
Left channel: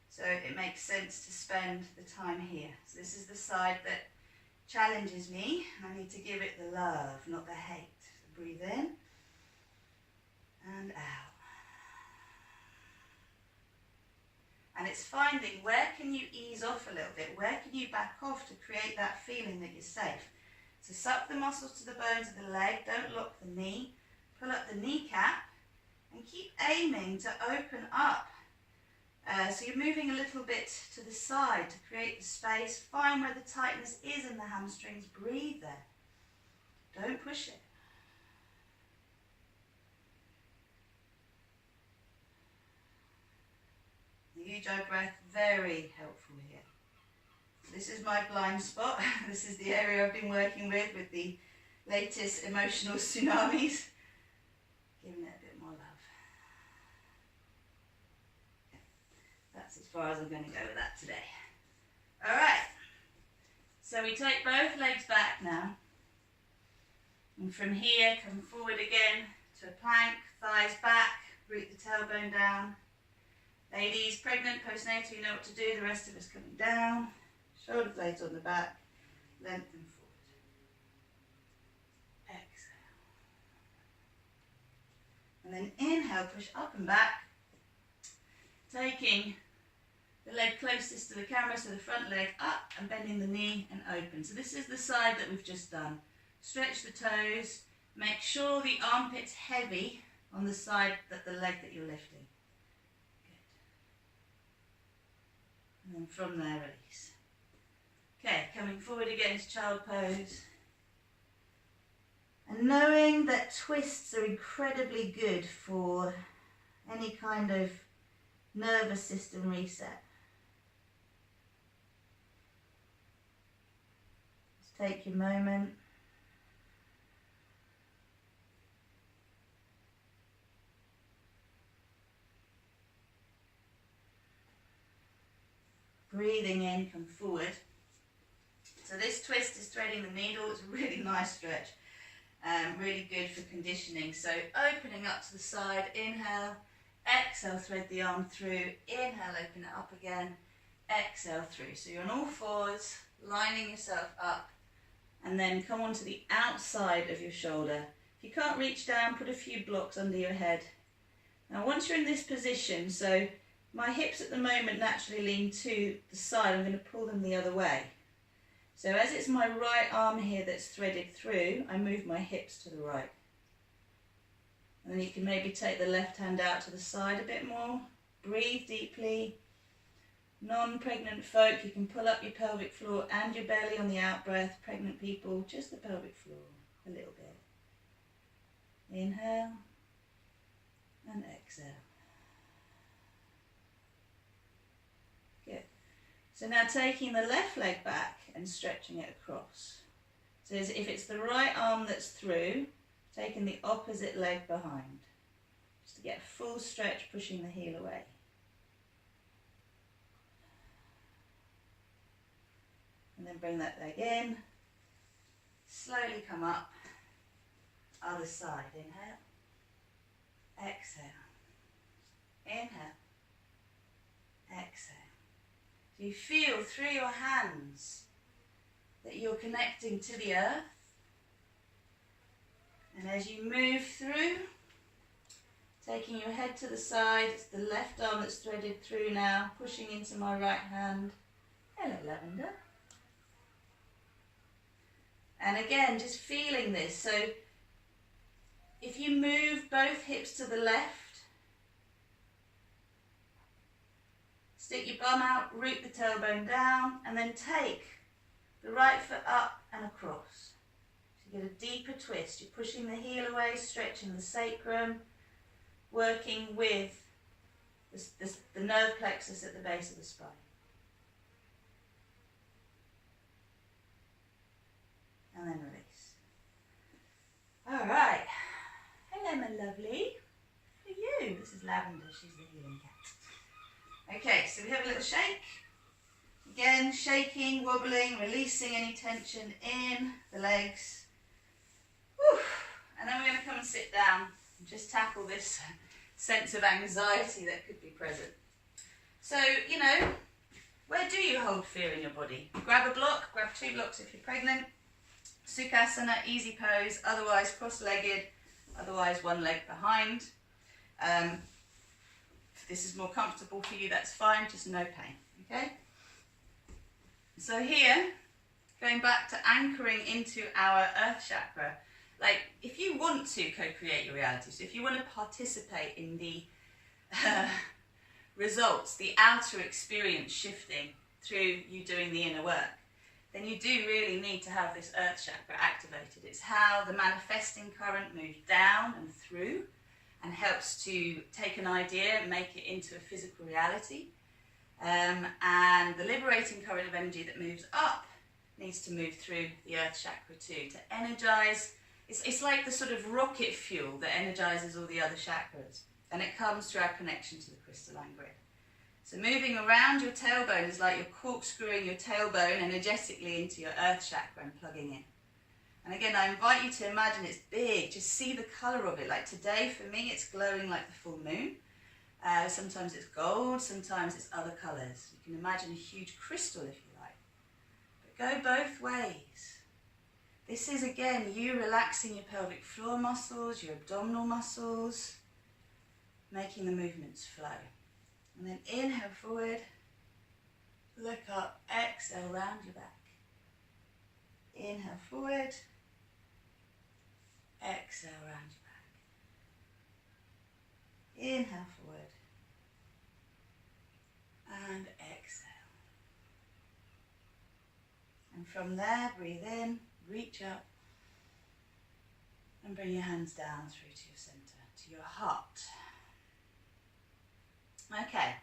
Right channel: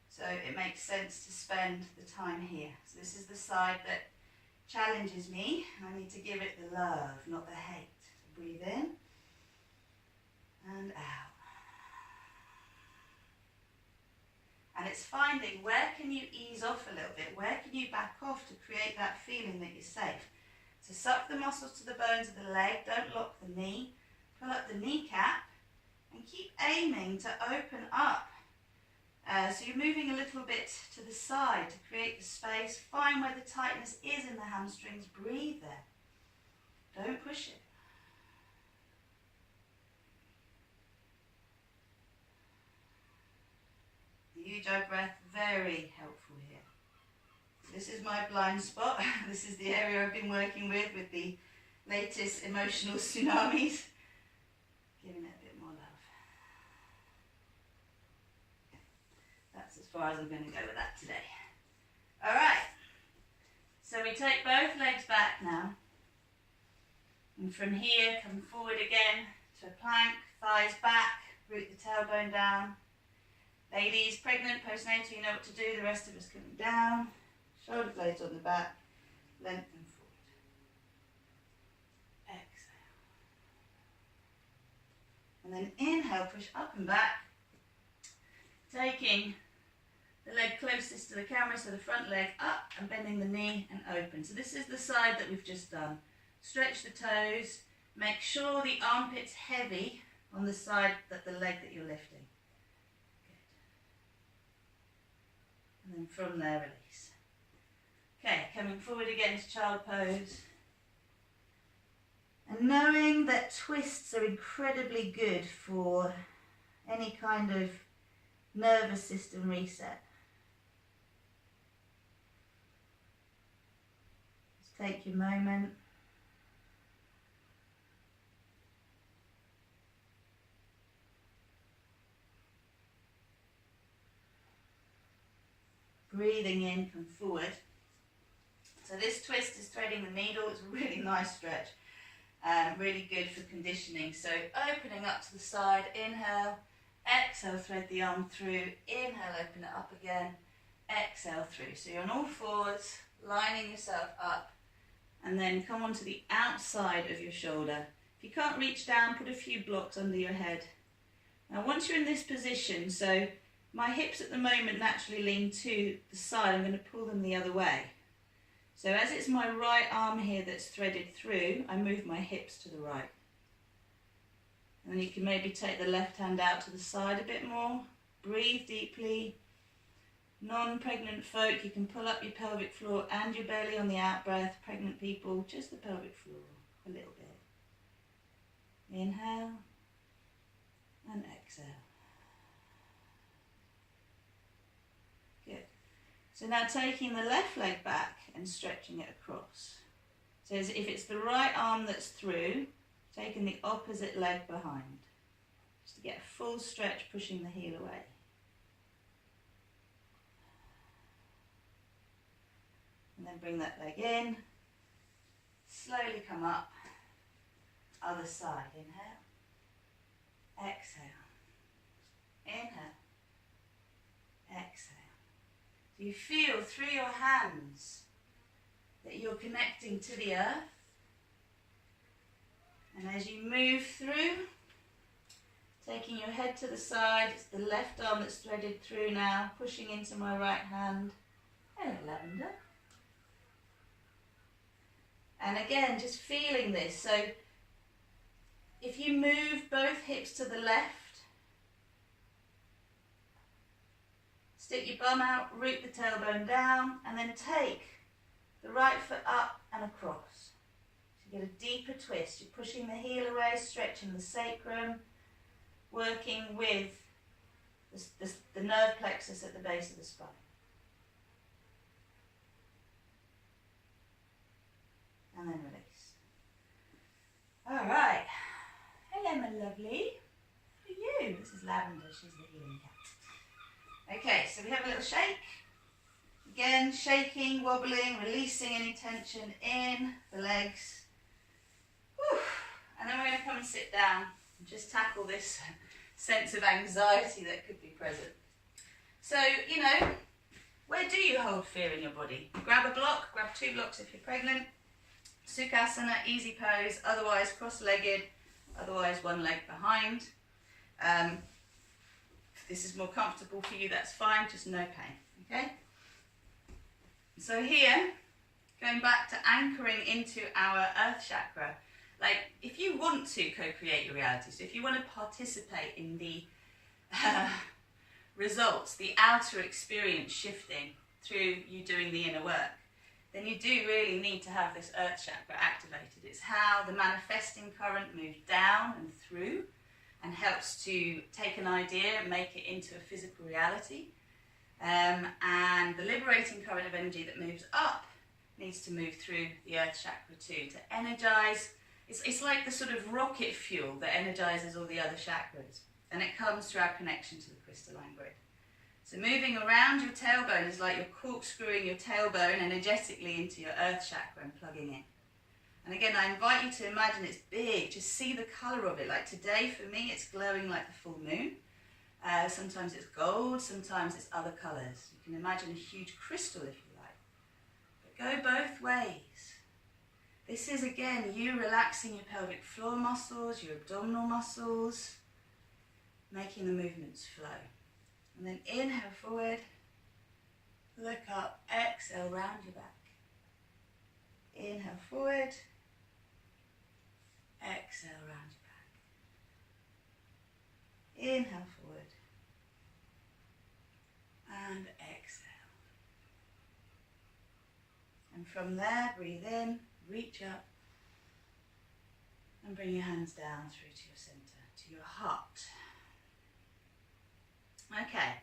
so it makes sense to spend the time here. So this is the side that challenges me, and I need to give it the love, not the hate. So breathe in, and out. And it's finding where can you ease off a little bit, where can you back off to create that feeling that you're safe. So suck the muscles to the bones of the leg, don't lock the knee, pull up the kneecap and keep aiming to open up. So you're moving a little bit to the side to create the space. Find where the tightness is in the hamstrings, breathe there. Don't push it. The Ujjayi breath, very helpful here. This is my blind spot. This is the area I've been working with the latest emotional tsunamis. Giving it a bit more love. Okay. That's as far as I'm going to go with that today. All right. So we take both legs back now. And from here, come forward again to a plank, thighs back, root the tailbone down. Ladies, pregnant, postnatal, you know what to do. The rest of us coming down. Shoulder blades on the back, lengthen forward. Exhale. And then inhale, push up and back. Taking the leg closest to the camera, so the front leg up and bending the knee and open. So this is the side that we've just done. Stretch the toes. Make sure the armpit's heavy on the side that the leg that you're lifting. Good. And then from there, release. Okay, coming forward again to child pose. And knowing that twists are incredibly good for any kind of nervous system reset. Just take your moment. Breathing in, come forward. So this twist is threading the needle. It's a really nice stretch. Really good for conditioning. So opening up to the side, inhale, exhale, thread the arm through, inhale, open it up again, exhale through. So you're on all fours, lining yourself up, and then come onto the outside of your shoulder. If you can't reach down, put a few blocks under your head. Now once you're in this position, so my hips at the moment naturally lean to the side, I'm going to pull them the other way. So as it's my right arm here that's threaded through, I move my hips to the right. And then you can maybe take the left hand out to the side a bit more. Breathe deeply. Non-pregnant folk, you can pull up your pelvic floor and your belly on the out breath. Pregnant people, just the pelvic floor, a little bit. Inhale and exhale. Good. So now taking the left leg back and stretching it across. So as if it's the right arm that's through, taking the opposite leg behind. Just to get a full stretch, pushing the heel away. And then bring that leg in. Slowly come up. Other side. Inhale. Exhale. Inhale. Exhale. So you feel through your hands that you're connecting to the earth. And as you move through, taking your head to the side, it's the left arm that's threaded through now, pushing into my right hand. Hello, Lavender. And again, just feeling this. So if you move both hips to the left, stick your bum out, root the tailbone down, and then take the right foot up and across. So you get a deeper twist. You're pushing the heel away, stretching the sacrum, working with the nerve plexus at the base of the spine. And then release. All right. Hello, my lovely. For you. This is Lavender. She's the healing cat. Okay, so we have a little shake. Again, shaking, wobbling, releasing any tension in the legs. Whew. And then we're going to come and sit down and just tackle this sense of anxiety that could be present. So, you know, where do you hold fear in your body? Grab a block, grab 2 blocks if you're pregnant. Sukhasana, easy pose, otherwise cross-legged, otherwise one leg behind. If this is more comfortable for you, that's fine, just no pain, okay? So here, going back to anchoring into our earth chakra, like if you want to co-create your reality, so if you want to participate in the results, the outer experience shifting through you doing the inner work, then you do really need to have this earth chakra activated. It's how the manifesting current moves down and through and helps to take an idea and make it into a physical reality. And the liberating current of energy that moves up needs to move through the earth chakra too, to energize. It's like the sort of rocket fuel that energizes all the other chakras, and it comes through our connection to the crystalline grid. So moving around your tailbone is like you're corkscrewing your tailbone energetically into your earth chakra and plugging in. And again, I invite you to imagine it's big, just see the color of it. Like today for me, it's glowing like the full moon. Sometimes it's gold, sometimes it's other colors. You can imagine a huge crystal if you like. But go both ways. This is again, you relaxing your pelvic floor muscles, your abdominal muscles, making the movements flow. And then inhale forward, look up, exhale, round your back. Inhale forward, exhale, round your back. Inhale forward, and exhale. And from there, breathe in, reach up, and bring your hands down through to your center, to your heart. Okay,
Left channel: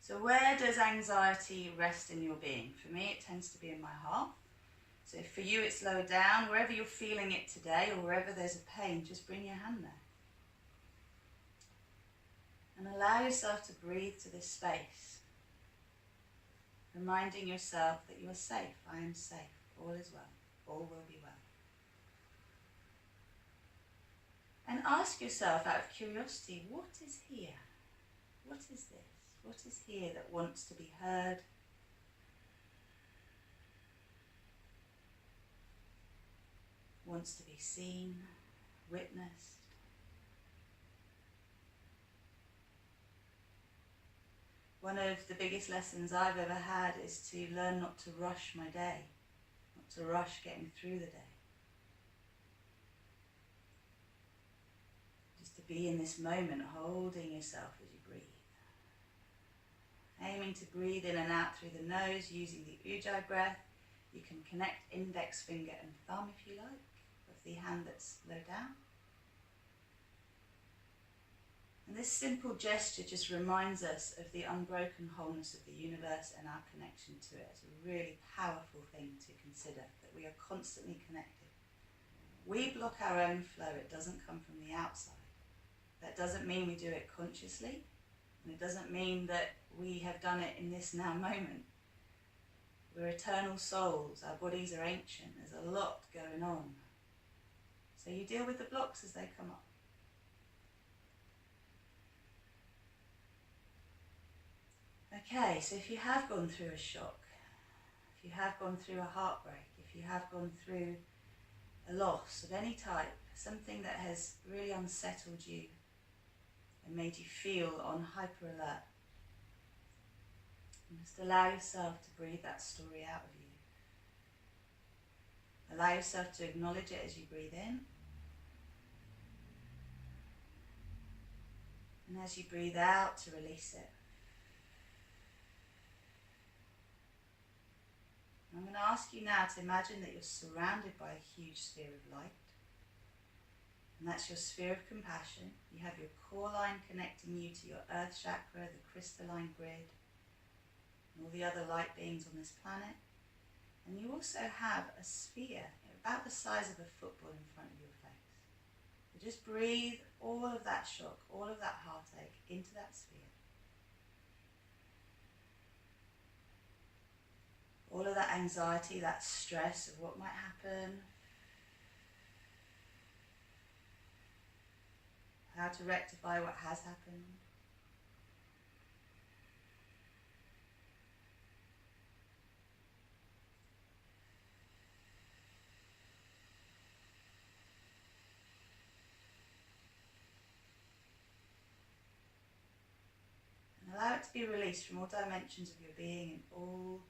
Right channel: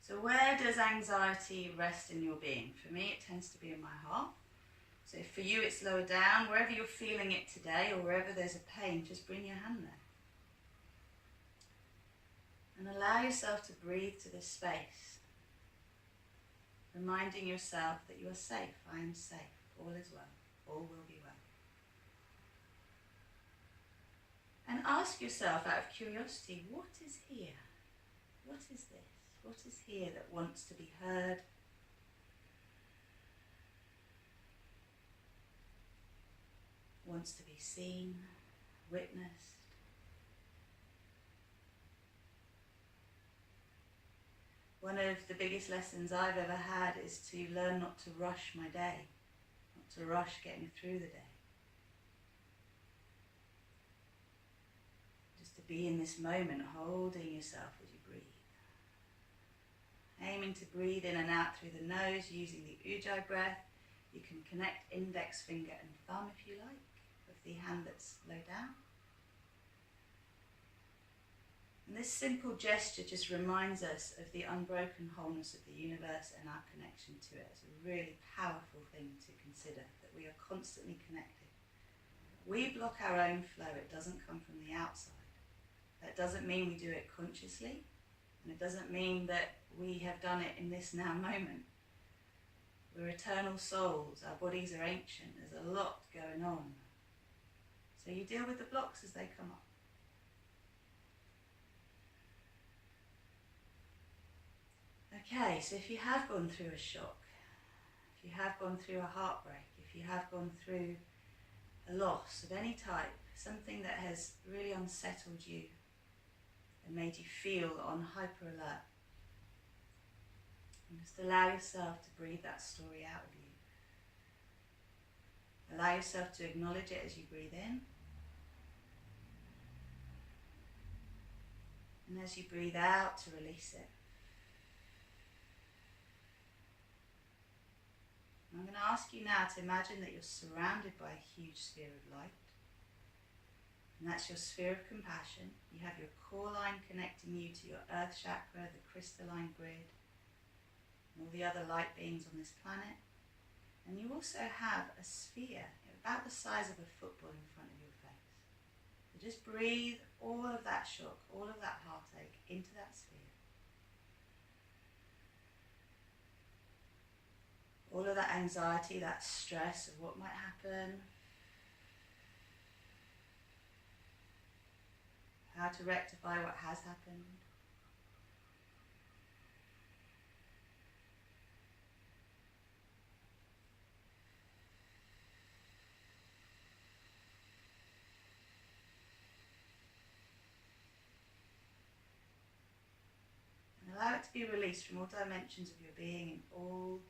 so where does anxiety rest in your being? For me, it tends to be in my heart. So if for you it's lower down, wherever you're feeling it today or wherever there's a pain, just bring your hand there. And allow yourself to breathe to this space, reminding yourself that you are safe. I am safe. All is well. All will be well. And ask yourself out of curiosity, what is here? What is this? What is here that wants to be heard? Wants to be seen, witnessed? One of the biggest lessons I've ever had is to learn not to rush my day, not to rush getting through the day. Just to be in this moment, holding yourself as you breathe. Aiming to breathe in and out through the nose using the Ujjayi breath. You can connect index finger and thumb if you like, of the hand that's low down. And this simple gesture just reminds us of the unbroken wholeness of the universe and our connection to it. It's a really powerful thing to consider, that we are constantly connected. We block our own flow, it doesn't come from the outside. That doesn't mean we do it consciously, and it doesn't mean that we have done it in this now moment. We're eternal souls, our bodies are ancient, there's a lot going on. So you deal with the blocks as they come up. Okay, so if you have gone through a shock, if you have gone through a heartbreak, if you have gone through a loss of any type, something that has really unsettled you and made you feel on hyper alert, and just allow yourself to breathe that story out of you. Allow yourself to acknowledge it as you breathe in. And as you breathe out, to release it. I'm going to ask you now to imagine that you're surrounded by a huge sphere of light. And that's your sphere of compassion. You have your core line connecting you to your earth chakra, the crystalline grid, and all the other light beings on this planet. And you also have a sphere about the size of a football in front of your face. So just breathe all of that shock, all of that heartache into that sphere. All of that anxiety, that stress of what might happen, how to rectify what has happened. it to be released from all dimensions of your being in all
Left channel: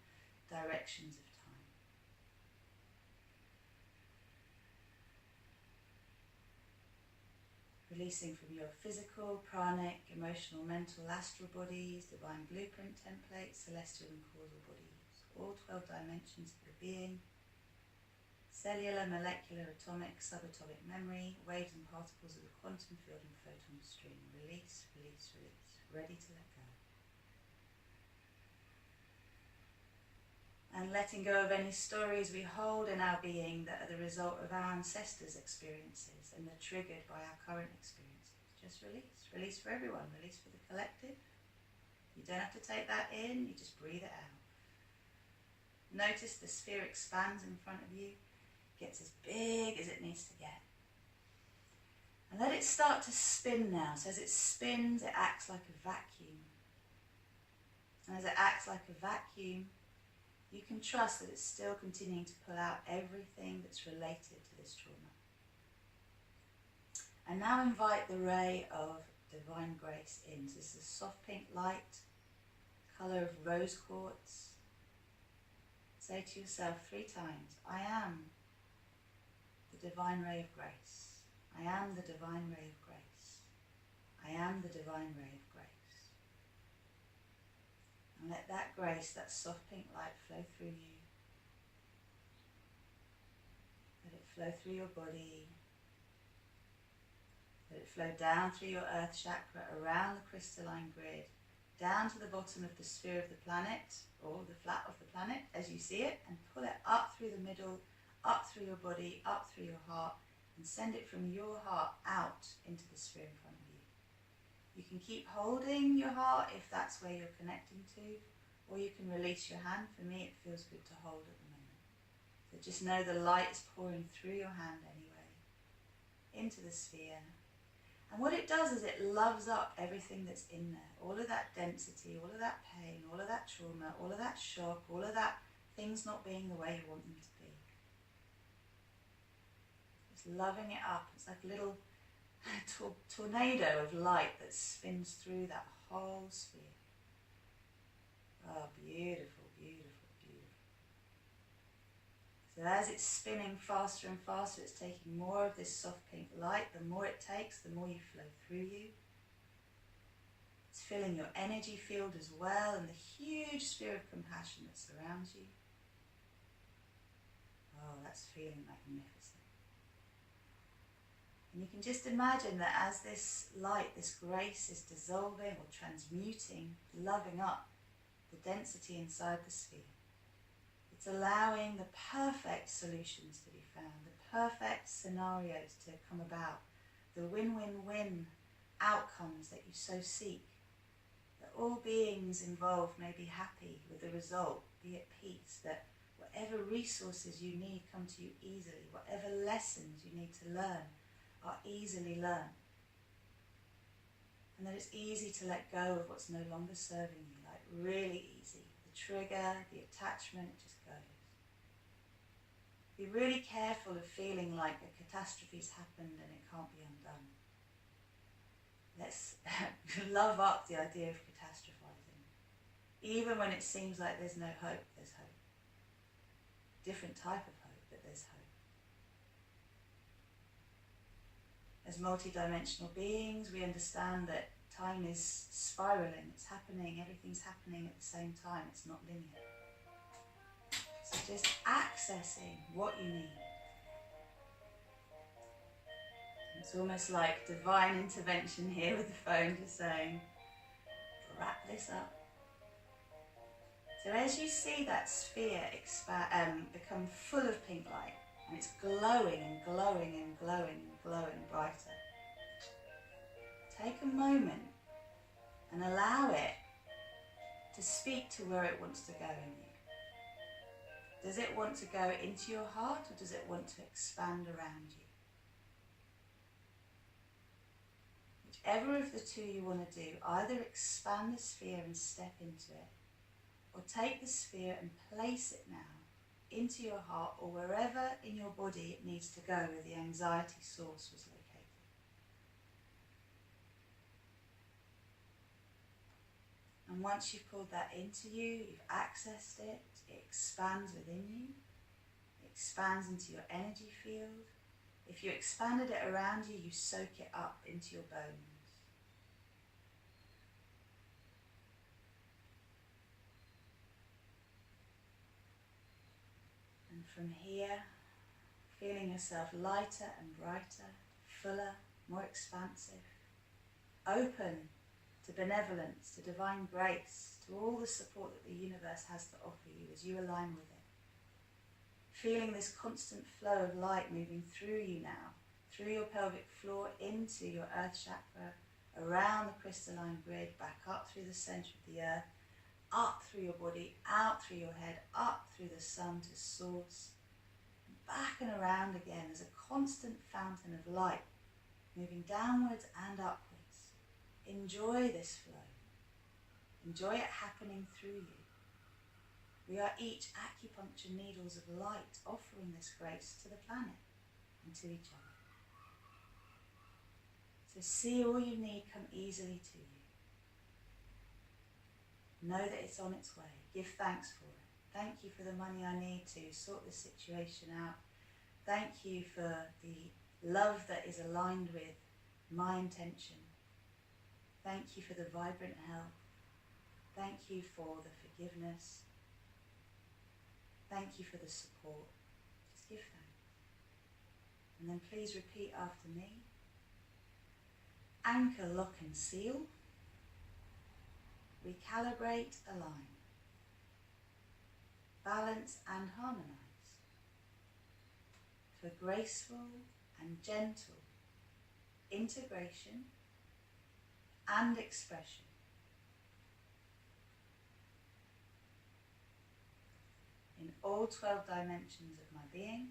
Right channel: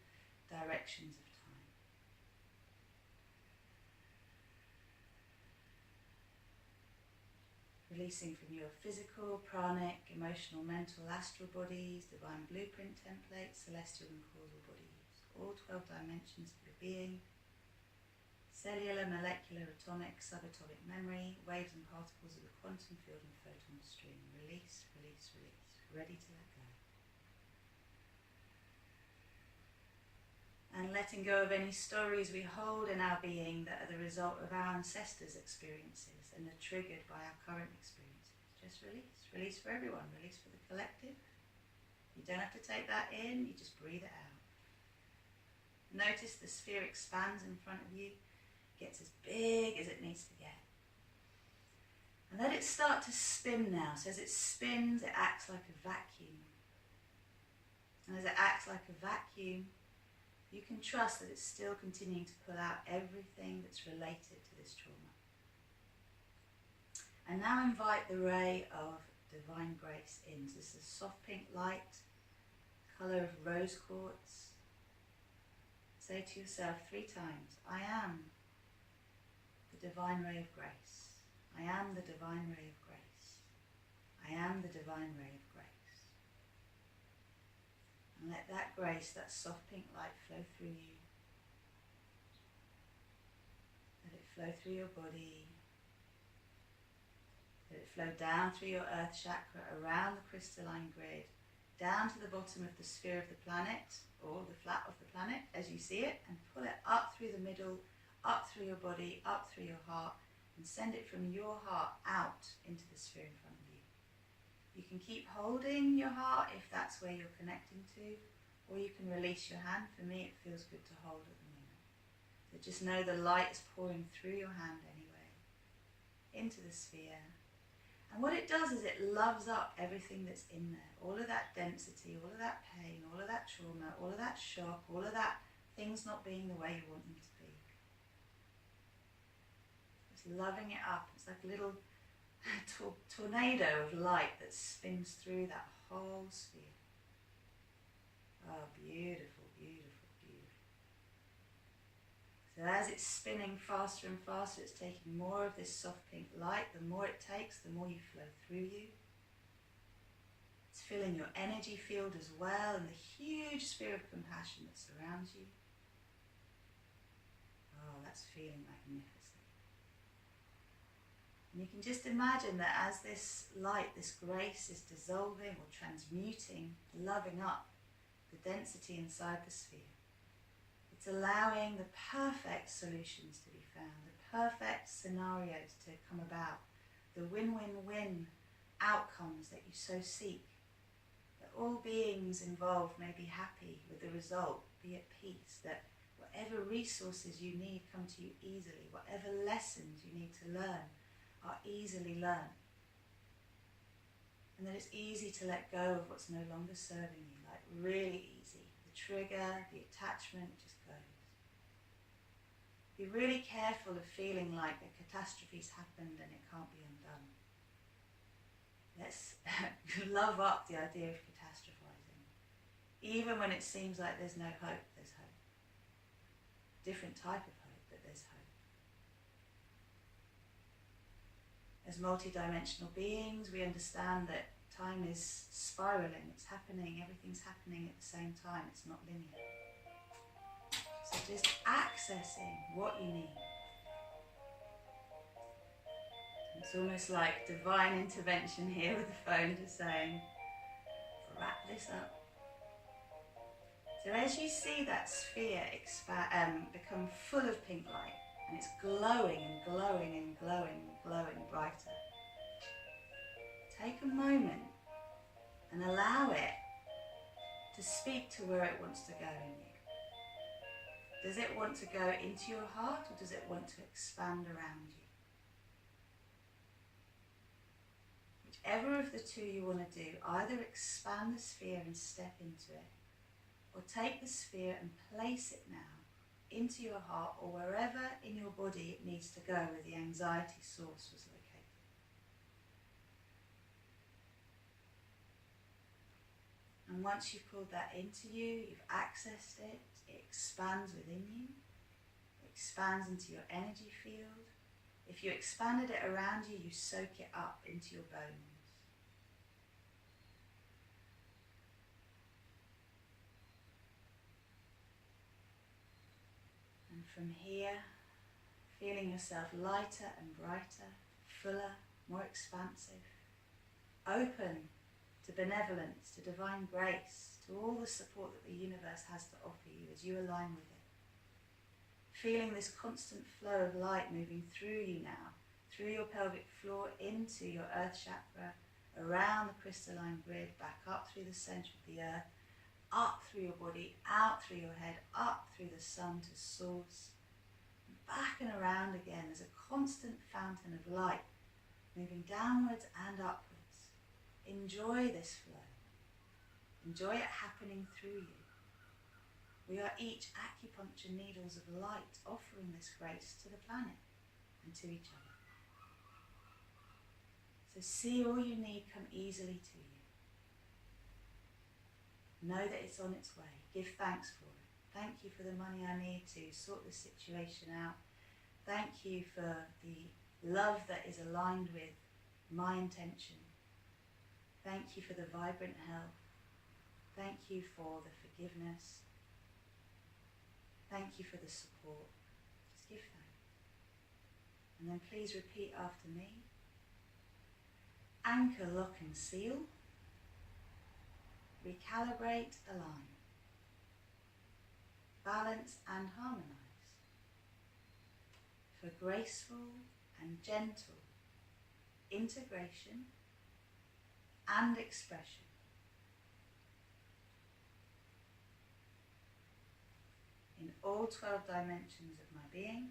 directions of time. Releasing from your physical, pranic, emotional, mental, astral bodies, divine blueprint templates, celestial and causal bodies, all 12 dimensions of your being, cellular, molecular, atomic, subatomic memory, waves and particles of the quantum field and photon stream. Release, release, release, ready to let go. And letting go of any stories we hold in our being that are the result of our ancestors' experiences and are triggered by our current experiences. Just release. Release for everyone. Release for the collective. You don't have to take that in, you just breathe it out. Notice the sphere expands in front of you, gets as big as it needs to get. And let it start to spin now. So as it spins, it acts like a vacuum. And as it acts like a vacuum, you can trust that it's still continuing to pull out everything that's related to this trauma. And now invite the ray of divine grace in. So this is a soft pink light, colour of rose quartz. Say to yourself 3 times, I am the divine ray of grace. I am the divine ray of grace. I am the divine ray of grace. And let that grace, that soft pink light flow through you. Let it flow through your body. Let it flow down through your earth chakra, around the crystalline grid, down to the bottom of the sphere of the planet, or the flat of the planet as you see it, and pull it up through the middle, up through your body, up through your heart, and send it from your heart out into the sphere in front of you. You can keep holding your heart if that's where you're connecting to, or you can release your hand. For me, it feels good to hold at the moment. So just know the light is pouring through your hand anyway, into the sphere. And what it does is it loves up everything that's in there. All of that density, all of that pain, all of that trauma, all of that shock, all of that things not being the way you want them to be. Just loving it up. It's like a little tornado of light that spins through that whole sphere. Oh, beautiful, beautiful, beautiful. So as it's spinning faster and faster, it's taking more of this soft pink light. The more it takes, the more you flow through you. It's filling your energy field as well, and the huge sphere of compassion that surrounds you. Oh, that's feeling magnificent. And you can just imagine that as this light, this grace is dissolving or transmuting, loving up the density inside the sphere, it's allowing the perfect solutions to be found, the perfect scenarios to come about, the win-win-win outcomes that you so seek, that all beings involved may be happy with the result, be at peace, that whatever resources you need come to you easily, whatever lessons you need to learn are easily learned, and that it's easy to let go of what's no longer serving you, like really easy. The trigger, the attachment just goes. Be really careful of feeling like a catastrophe's happened and it can't be undone. Let's love up the idea of catastrophizing. Even when it seems like there's no hope, there's hope. Different type of hope, but there's hope. As multi-dimensional beings, we understand that time is spiraling, it's happening, everything's happening at the same time, it's not linear. So just accessing what you need. It's almost like divine intervention here with the phone, just saying, wrap this up. So as you see that sphere become full of pink light, and it's glowing and glowing and glowing and glowing brighter, take a moment and allow it to speak to where it wants to go in you. Does it want to go into your heart, or does it want to expand around you? Whichever of the two you want to do, either expand the sphere and step into it, or take the sphere and place it now into your heart, or wherever in your body it needs to go where the anxiety source was located. And once you've pulled that into you, you've accessed it, it expands within you, it expands into your energy field. If you expanded it around you, you soak it up into your bones. And from here, feeling yourself lighter and brighter, fuller, more expansive, open to benevolence, to divine grace, to all the support that the universe has to offer you as you align with it. Feeling this constant flow of light moving through you now, through your pelvic floor into your earth chakra, around the crystalline grid, back up through the center of the earth, up through your body, out through your head, up through the sun to source, and back and around again as a constant fountain of light, moving downwards and upwards. Enjoy this flow. Enjoy it happening through you. We are each acupuncture needles of light, offering this grace to the planet and to each other. So see all you need come easily to you. Know that it's on its way. Give thanks for it. Thank you for the money I need to sort this situation out. Thank you for the love that is aligned with my intention. Thank you for the vibrant health. Thank you for the forgiveness. Thank you for the support. Just give thanks. And then please repeat after me. Anchor, lock and seal. Recalibrate, align. Balance and harmonize. For graceful and gentle integration and expression. In all 12 dimensions of my being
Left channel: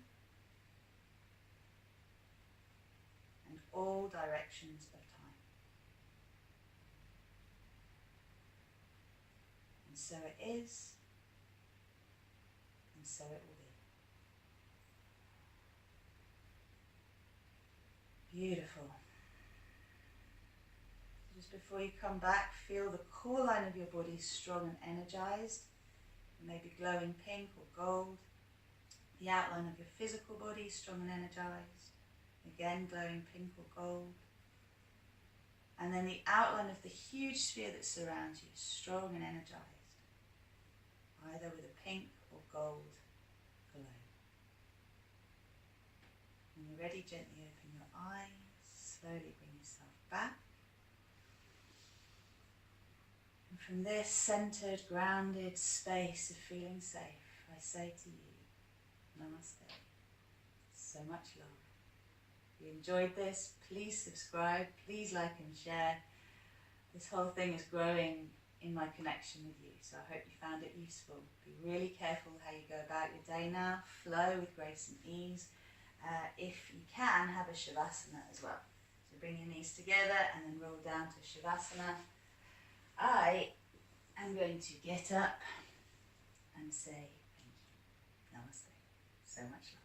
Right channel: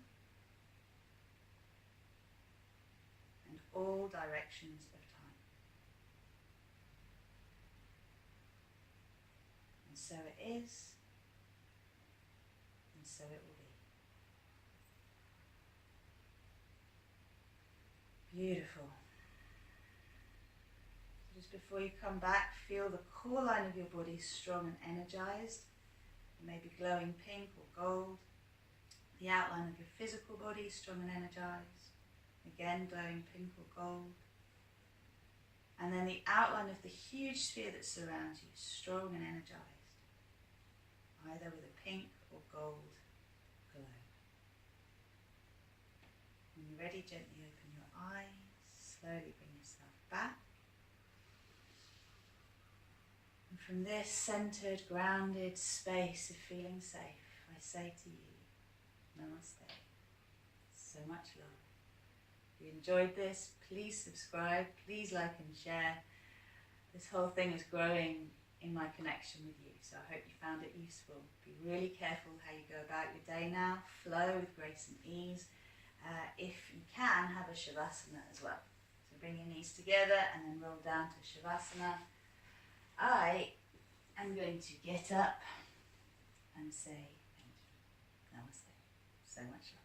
and all directions of time. And so it is, and so it will be. Beautiful. Just before you come back, feel the core line of your body strong and energized. It may be glowing pink or gold. The outline of your physical body strong and energized. Again, glowing pink or gold. And then the outline of the huge sphere that surrounds you, strong and energized. Either with a pink or gold glow. When you're ready, gently open your eyes. Slowly bring yourself back. From this centered, grounded space of feeling safe, I say to you, namaste. So much love. If you enjoyed this, please subscribe, please like and share. This whole thing is growing in my connection with you, so I hope you found it useful. Be really careful how you go about your day now. Flow with grace and ease. If you can, have a Shavasana as well. So bring your knees together and then roll down to Shavasana. I am going to get up and say thank you. Namaste. So much love.